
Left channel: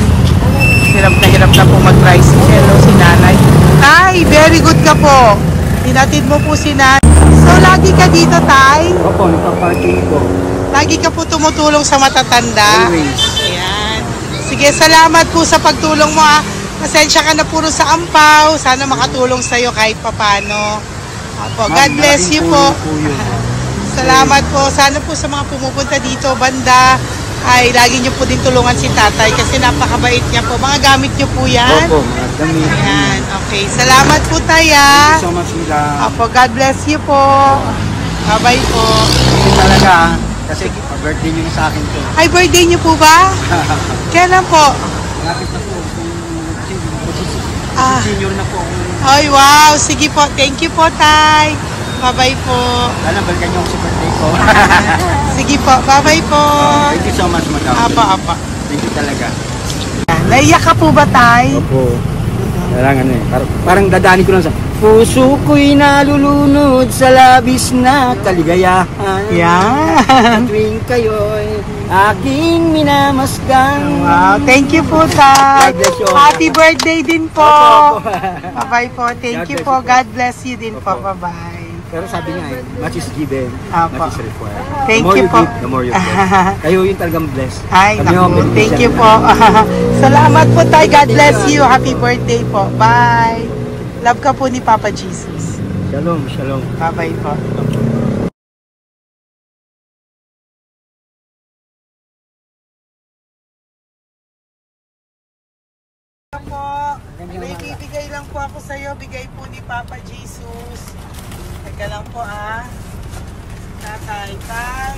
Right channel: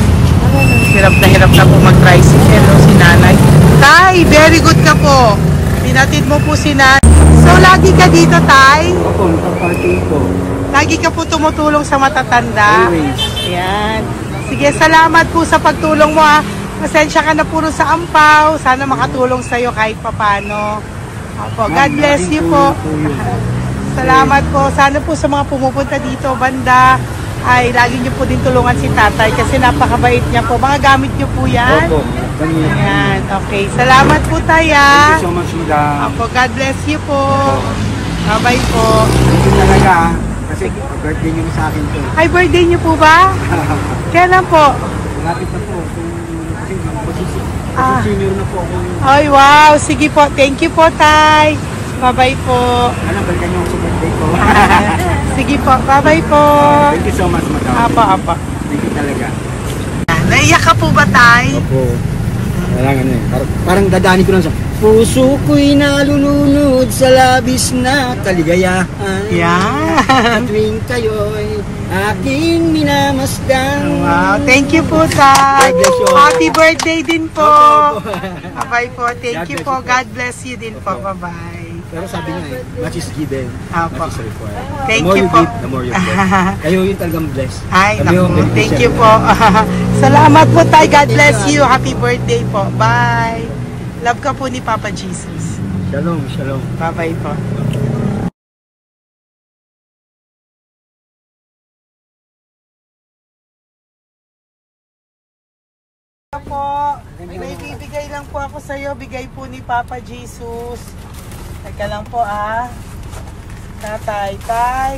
Hirap na po mag-tricycle, si nanay. Tay, very good ka po. Tinatid mo po si nanay. So, lagi ka dito, Tay? Opo, nagpa-parking po. Lagi ka po tumutulong sa matatanda. Always. Ayan. Sige, salamat po sa pagtulong mo. Pasensya ka na puro sa ampaw. Sana makatulong sa'yo kahit papano. Opo, God bless you po. Salamat po. Sana po sa mga pumupunta dito, banda, ay lagi nyo po din tulungan si tatay kasi napakabait niya po. Mga gamit nyo po yan. Opo. Ayan, okay. Salamat po, Taya. Thank you so much, madam. Opo, God bless you po. Bye-bye po. Thank you talaga. Kasi birthday niyo na sa akin to. Ay, birthday niyo po ba? Kailan po? Malapit na po. Kasi senior na po ako. Ay, wow. Sige po. Thank you po, Tay. Bye-bye po. Alam, balikan niyo ako sa birthday ko. Sige po. Bye-bye po. Thank you so much, madam. Apa. Thank you talaga. Naiyak ka po ba, Tay? Opo. Kailangan parang dadaanin ko lang sa puso ko'y nalulunod sa labis na kaligayahan. Yan. Tuwing kayo'y aking minamasdan. Wow. Thank you po, Tay. God bless you. Happy birthday din po. Opo. Bye-bye po. Thank you po. God bless you din po. Bye-bye. Pero sabi niya much is given, Apo. much is required. Thank The more you you po. give, the more you get. Kayo yung talagang blessed. Ay, Kami yung naku. Thank beneficiary you na. po. Salamat po, Tay. God bless you. Happy birthday po. Bye. Love ka po ni Papa Jesus. Shalom, shalom. Bye-bye po. Po, may bibigay lang po ako sa iyo, bigay po ni Papa Jesus. Teka lang po Tatay, Tay.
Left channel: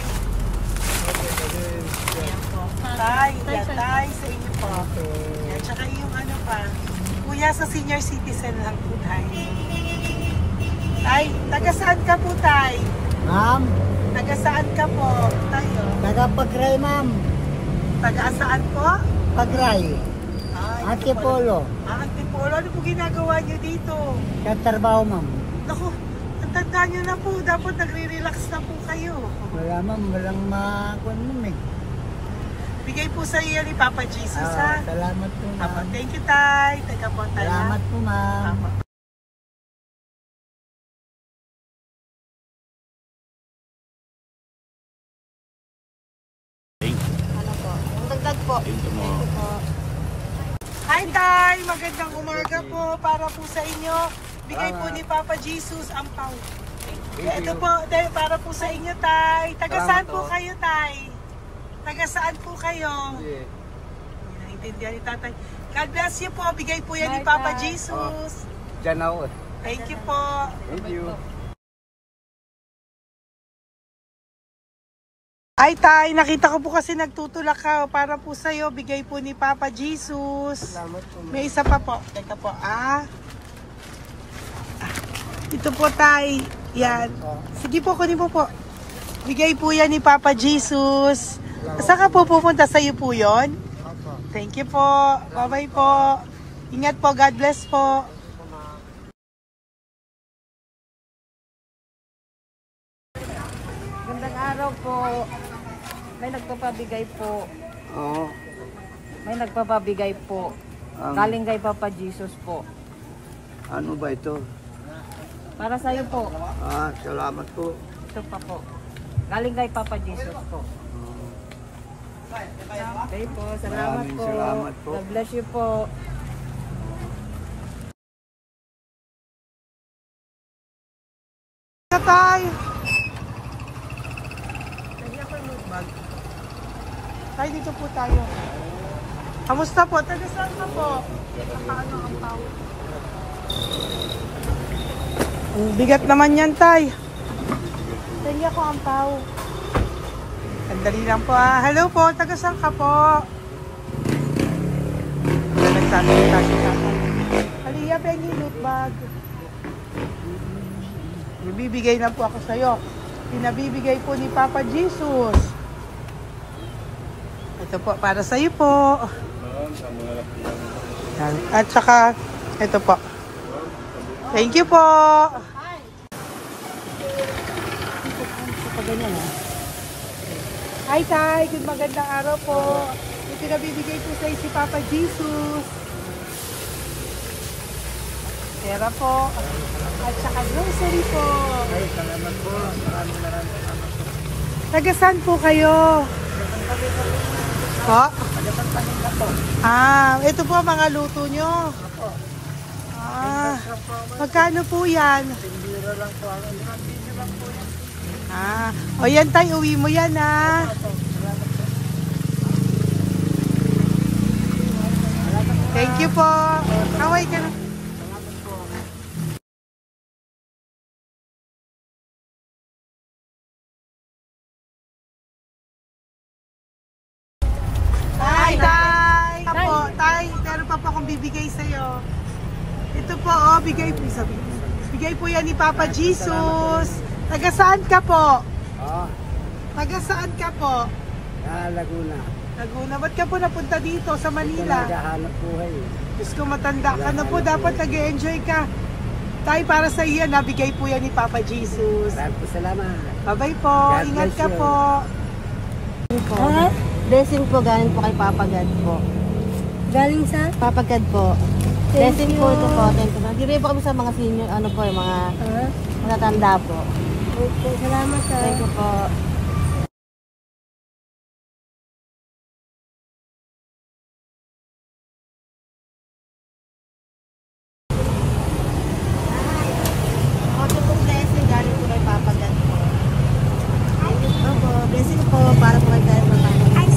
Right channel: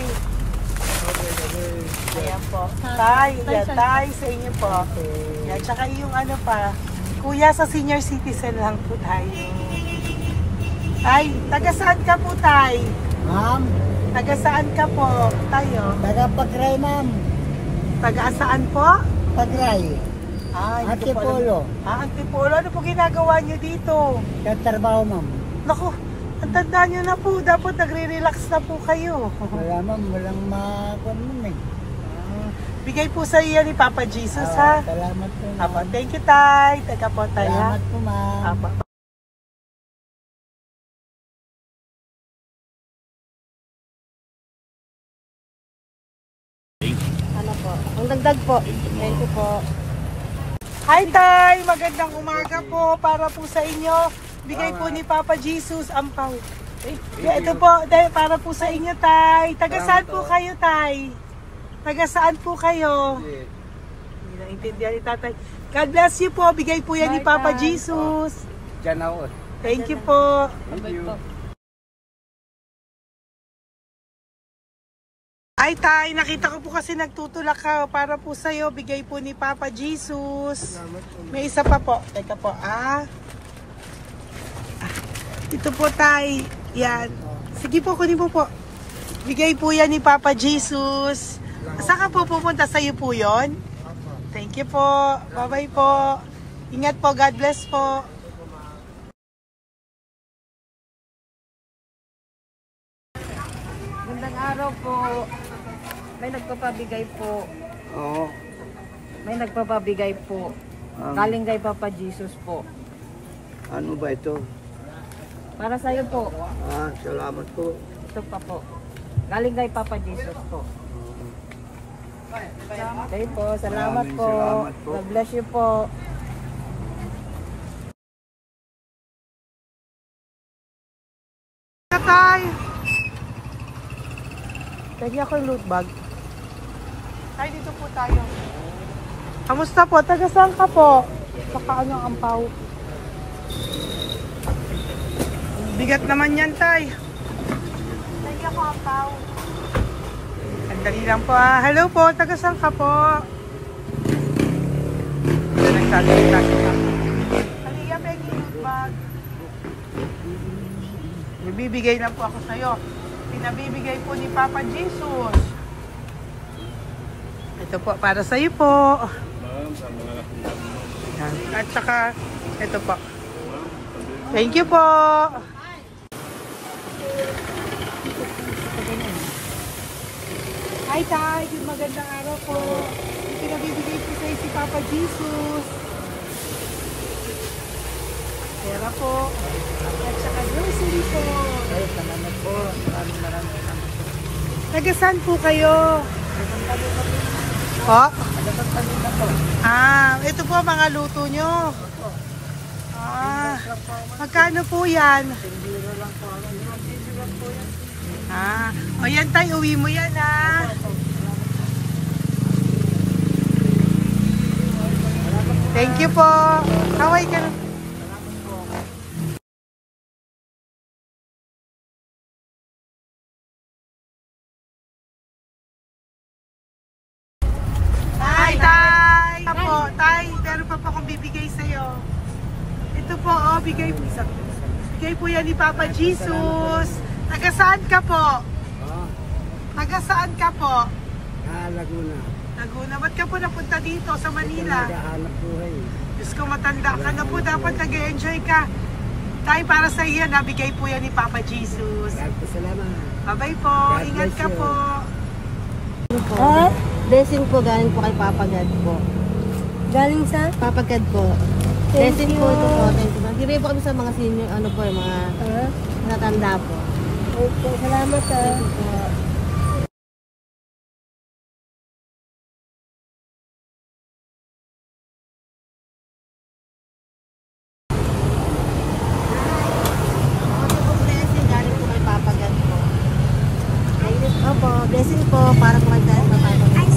Ayan po. Tay, Tay sa inyo po. Yan, tsaka yung Kuya sa senior citizen lang po, Tay. Tay, taga saan ka po, Tay? Ma'am, Taga saan ka po, Tayo? taga Pagray, ma'am. Taga saan po? Pagray. Antipolo. Antipolo. Ano po ginagawa niyo dito? Katrabaho, ma'am. Naku, ang tanda niyo na po. Dapat nagre-relax na po kayo. Wala, ma'am. Walang makuan, ma'am eh. Bigay po sa iyo ni Papa Jesus, ha? Salamat po, Apo, ma'am. thank you, Tay. Teka po, Tay. Salamat po, ma'am. Apo. Ang dagdag po. Thank you po. Hi, Tay! Magandang umaga po para po sa inyo. Bigay po ni Papa Jesus ang pau. Ito po, Tay, para po sa inyo, Tay. Taga saan po kayo, Tay? Taga saan po kayo? Hindi naintindihan ni Tatay. God bless you po. Bigay po yan ni Papa Jesus. Diyan ako. Thank you po. Thank you. Ay, Tay, nakita ko po kasi nagtutulak ka para po sa'yo. Bigay po ni Papa Jesus. May isa pa po. Teka po, Ito po, Tay. Yan. Sige po, kunin mo po. Bigay po yan ni Papa Jesus. Saan ka po pupunta? Sa'yo po yun? Thank you po. Bye-bye po. Ingat po. God bless po. Magandang araw po. May nagpapabigay po. Oo. May nagpapabigay po. Galing kay Papa Jesus po. Ano ba ito? Para sa'yo po. Salamat po. Ito pa po. Galing kay Papa Jesus po. Okay po. Salamat Maraming po. salamat po. God bless you po. Tay! Lagi ako yung loot bag. Tay, dito po tayo. Kamusta po? Taga saan ka po? Saka ano ang ampaw? Bigat naman yan, Tay. Hindi ako ang tao. Sandali lang po ah. Hello po, taga saan ka po? Yan, nagsasalita siya. Halika, Peggy, loot bag. Bibigay lang po ako sa'yo. Pinabibigay po ni Papa Jesus. Ito po, para sa'yo po. Yan. At saka, ito po. Thank you po. Hi, Tay. Good magandang araw po. Ito pinabibigay po sa'yo si Papa Jesus. Pera po. At saka grocery po. Ay, salamat po. Maraming salamat po. Taga saan po kayo? Po? Ah, ito po mga luto nyo. Ah, magkano po yan? Biro lang po. Biro lang po yan. Ah, o yan tayo, uwi mo yan ah. Thank you po. Kaway ka na. Hi, Tay! Apo, Tay, meron pa po akong bibigay sa'yo. Ito po, oh, bigay po sa... Bigay po yan ni Papa Jesus. Taga saan ka po? Ah, Taga saan ka po? Laguna. Laguna. Ba't ka po napunta dito sa Manila? Naghahanap buhay. Diyos ko, matanda ka na po. Dapat nag-enjoy ka. Tay, para sa iyo, nabigay po yan ni Papa Jesus. Maraming po salamat. Bye-bye po. God Ingat bless ka you. po. Blessing po galing po kay Papa God po. Galing sa? Papa God po. Thank Blessing you. po ito po. Thank you. Nagbibigay po kami sa mga senior, ano po, yung mga matatanda po. Okay, salamat ha. Thank you po. Okay po, blessing galing po kay Papa God po. Opo, blessing po para po kay galing ng Papa God.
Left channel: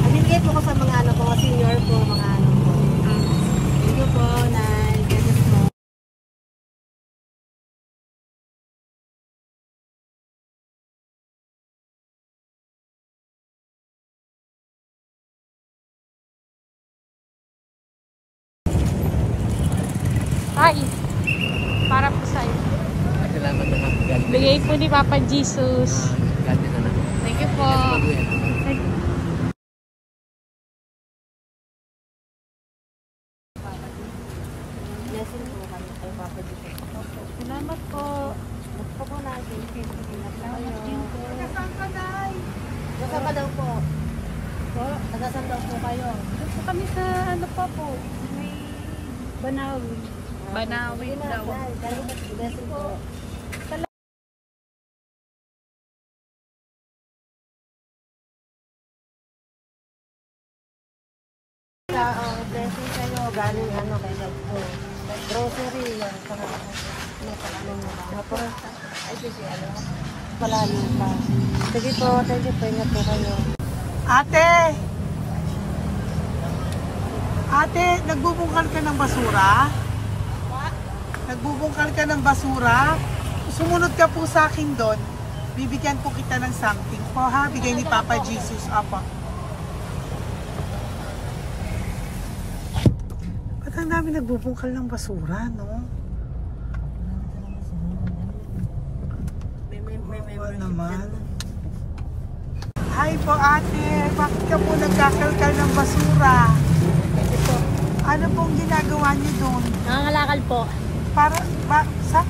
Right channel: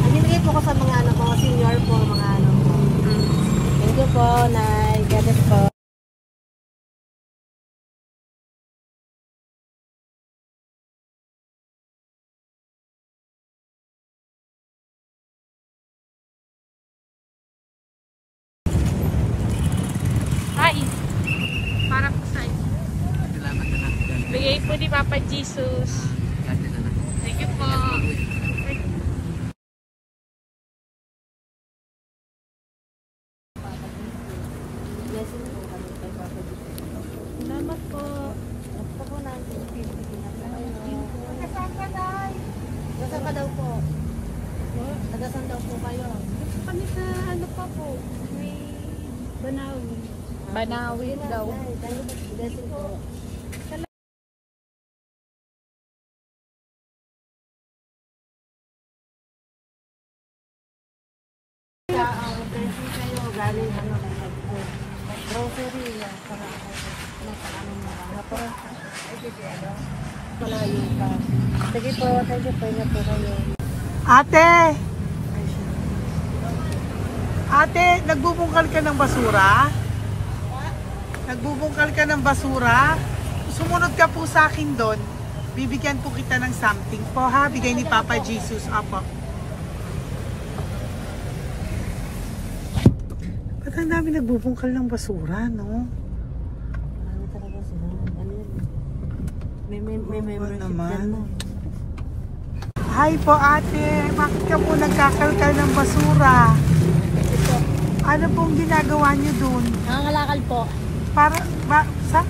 Nagbibigay po ko sa mga ano po, senior po, mga ano po. Thank you po, Nay. God bless po. Hi, para po sa iyo. Salamat na. Bigay po ni Papa Jesus. God bless na. Thank you po. Blessing po kami kay Papa Jesus. Salamat po. Gusto po natin. Salamat din po. Nasaan ka daw po? Po. Nasaan daw po kayo? Gusto kami sa ano pa po. May Banawi. Banawi daw. Blessing po. Blessing kayo. Galing ano kayo po. Grocery. Yung ano mo. Ay, sige ano. Malalim pa. Sige po. Thank you po. Ingat po kayo. Ate! Ate, nagbubungkal ka ng basura? Nagbubungkal ka ng basura? Sumunod ka po sa akin doon. Bibigyan po kita ng something po ha. Bigay ni Papa Jesus. Apo. Ba't ang dami nagbubungkal ng basura, no? Ano talaga sila? Ano yun? May membership naman. dyan, no? Hi po ate, bakit ka po nagkakalkal ng basura? Kasi po, Ano pong ginagawa niyo doon? nangangalakal po.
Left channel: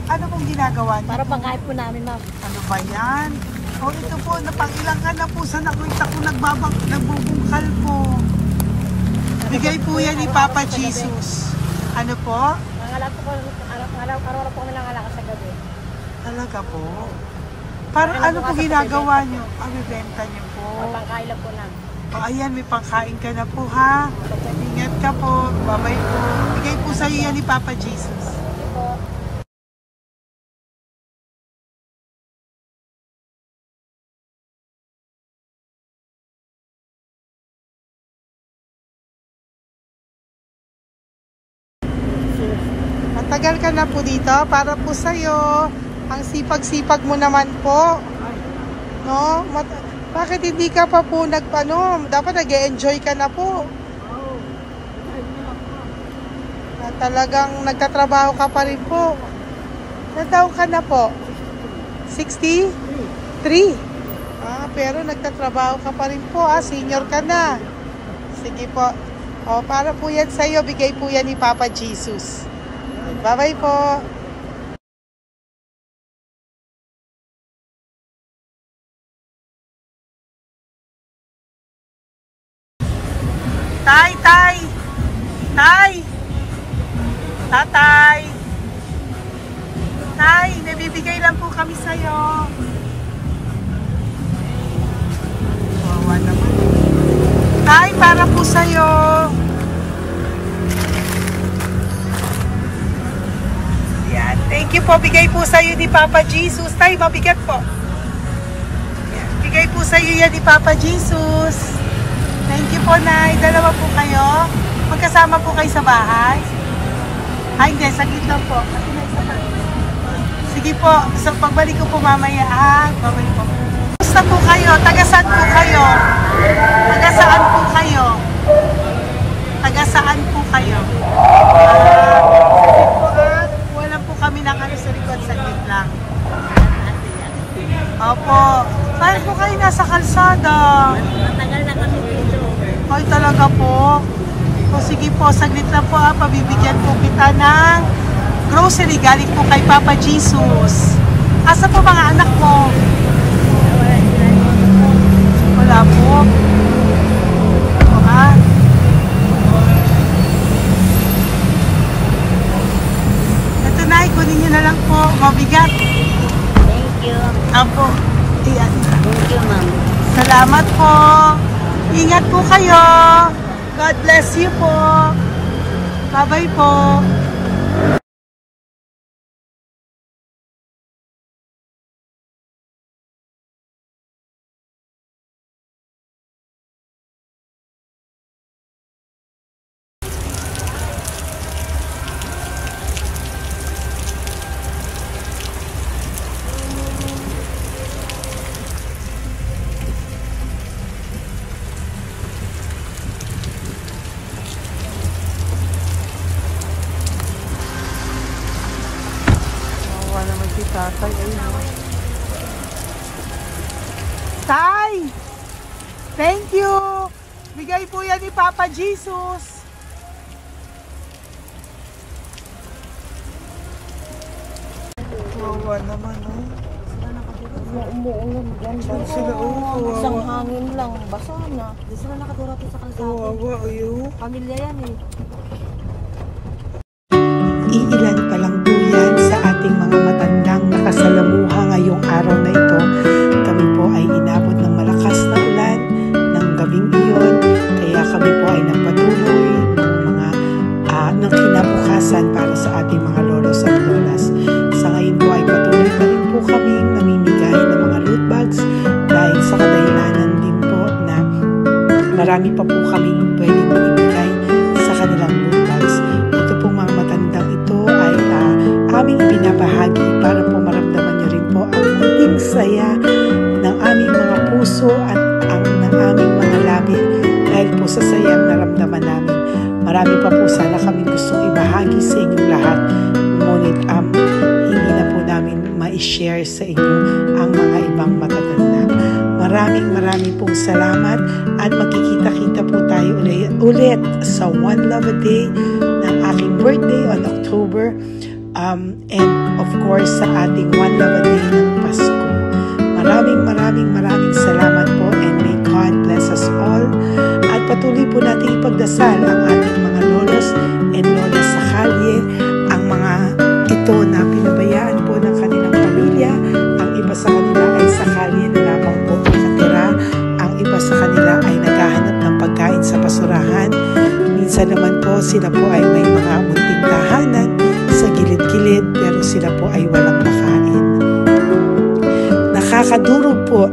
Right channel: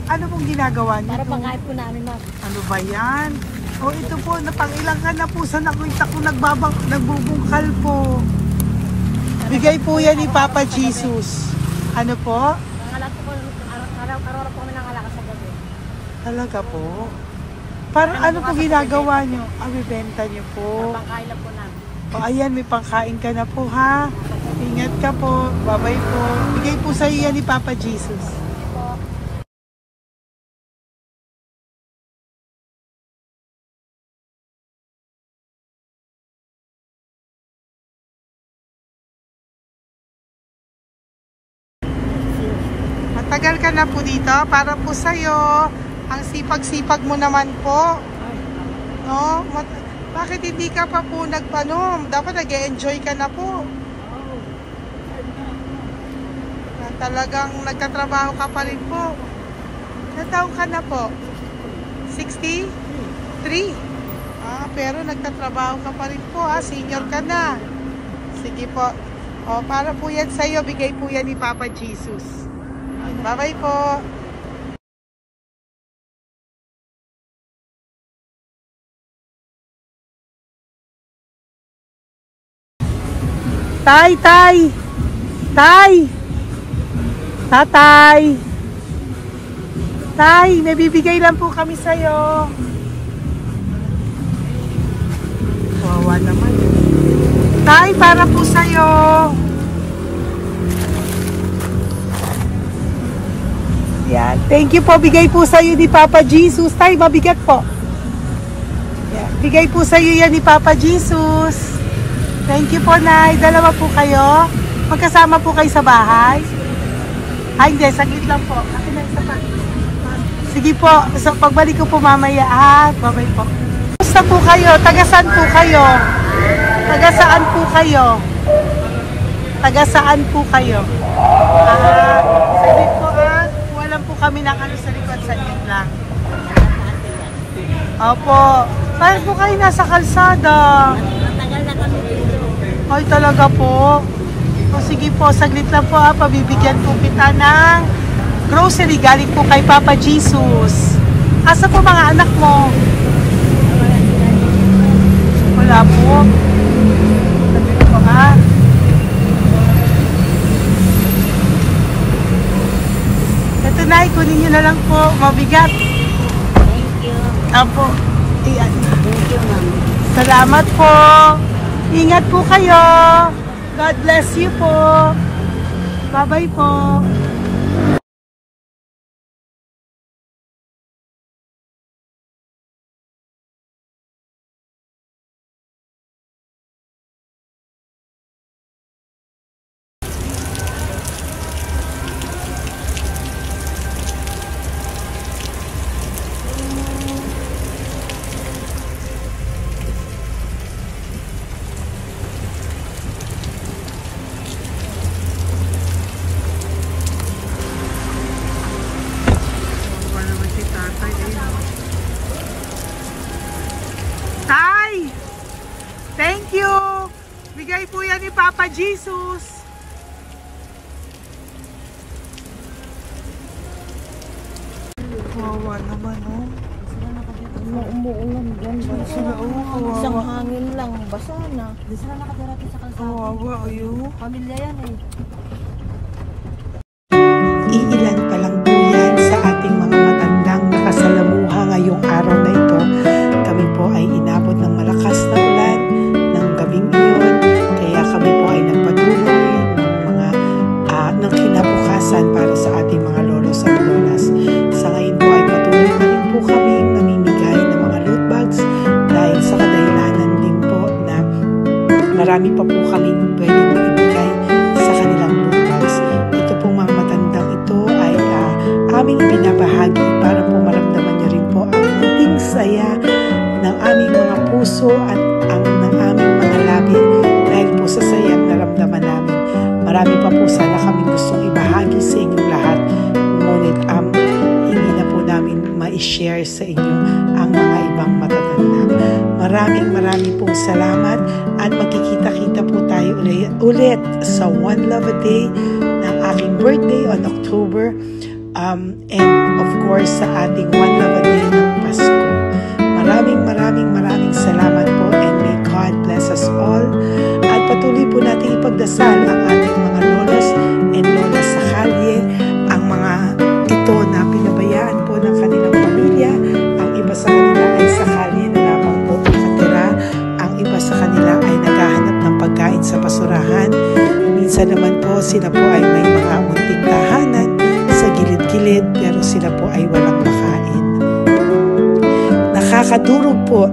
Ano pong ginagawa niyo Para doon? pagkain po namin, ma'am. Ano ba yan? O ito po, napangilang ka na po sa nakita ko nagbubungkal po. Bigay po yan ni Papa Jesus. Ano po? Nangangalakal po, araw-araw po kami nangangalakal sa gabi. Talaga po? Para ano po ginagawa niyo? Bibenta niyo po. Pagkain lang po namin. O ayan, may pangkain ka na po ha. Ingat ka po. Bye-bye po. Bigay po sa iyo yan ni Papa Jesus. Ito po. Matagal ka na po dito. Para po sa'yo. Ang sipag-sipag mo naman po. No? Bakit hindi ka pa po nagpano? Dapat nag-e-enjoy ka na po. Talagang nagtatrabaho ka pa rin po. Ilang taon ka na po? 63? Pero nagtatrabaho ka pa rin po. Senior ka na. Sige po. Para po yan sa'yo. Bigay po yan ni Papa Jesus. Bye-bye po. Tay! Tatay! Tay, nabibigay lang po kami sa'yo. Wawa naman. Tay, para po sa'yo. Yan. Thank you po. Bigay po sa'yo ni Papa Jesus. Tay, mabigat po. Yan. Bigay po sa'yo yan ni Papa Jesus. Thank you po, Nay. Dalawa po kayo. Magkasama po kayo sa bahay. Hindi. Saglit lang po. Sige po. So, pagbalik ko po mamaya. Bye-bye po. Basta po kayo? Taga-saan po kayo? Taga-saan po kayo? Taga-saan po kayo? Walang po kami ng ano sa likod. Saglit lang. Opo. Paano po kayo nasa kalsada? Matagal na kami dito. Ay, talaga po. So, sige po, saglit lang po pabibigyan po kita ng grocery galing po kay Papa Jesus. Asa po mga anak mo? Wala po. Ito na, kunin nyo na lang po. Mabigat. Thank you. Apo. Ayan. Thank you, ma'am. Salamat po. Ingat po kayo. God bless you po. Bye-bye po. Tay! Thank you! Bigay po yan ni Papa Jesus. Wawa naman, oh. Umuulan dyan. Sila, oh. Isang hangin lang. Basa na. Di sila nakatira sa kalsada. Wawa, oh. Pamilya yan eh. Iilan pa lang po yan sa ating mga matandang nakasalamuha ngayong araw na ito. Kami po ay inabot ng malakas na ulan ng gabing iyon. Kaya kami po ay nagpatuloy ng kinabukasan para sa ating mga lolos at lolas. Sa ngayon po ay patuloy pa rin po kami namimigay ng mga loot bags dahil sa kadahilanan din po na marami pa po kami pwedeng ibigay sa kanilang loot bags. Ito pong mga matandang ito ay aming ibinabahagi para po maramdaman nyo rin po ang munting saya ng aming mga puso at ng aming mga labi dahil po sa sayang naramdaman namin. Marami pa po sana kaming gustong ibahagi sa inyong lahat, ngunit hindi na po namin ma-share sa inyo ang mga ibang matatanda. Maraming pong salamat at magkikita-kita po tayo ulit sa One Love a Day ng aking birthday on October and of course sa ating One Love a Day ng Pasko. Maraming salamat po and may God bless us all. At patuloy po natin ipagdasal ang ating mga lolos and lolas sa kalye, ang mga ito na pinabayaan po ng kanilang pamilya. Ang iba sa kanila ay sa kalye na lamang po nakatira. Ang iba sa kanila ay naghahanap ng pagkain sa basurahan. Minsan naman po sila po ay may mga munting tahanan sa gilid-gilid pero sila po ay walang makain. Nakakadurog po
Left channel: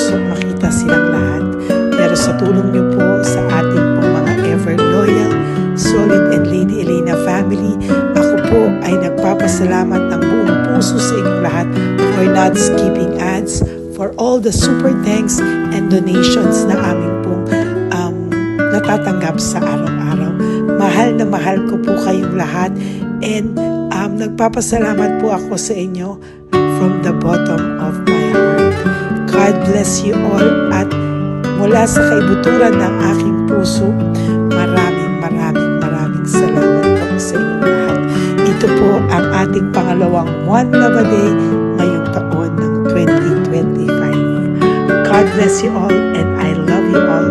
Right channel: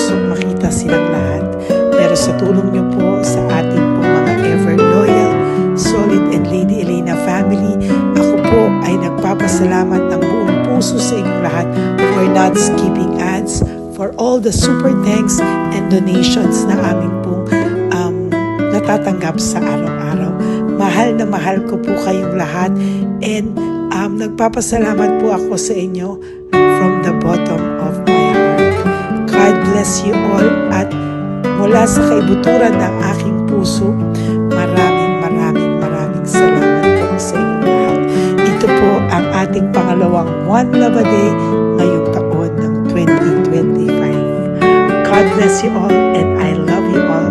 gustong makita silang lahat. Pero sa tulong niyo po sa ating pong mga ever loyal, Solid and Lady Elena family, ako po ay nagpapasalamat ng buong puso sa inyong lahat for not skipping ads, for all the super thanks and donations na aming pong natatanggap sa araw-araw. Mahal na mahal ko po kayong lahat, and nagpapasalamat po ako sa inyo from the bottom of my heart. God bless you all, at mula sa kaibuturan ng aking puso, maraming salamat po sa inyong lahat. Ito po ang ating pangalawang One Love a Day ngayong taon ng 2025. God bless you all, and I love you all.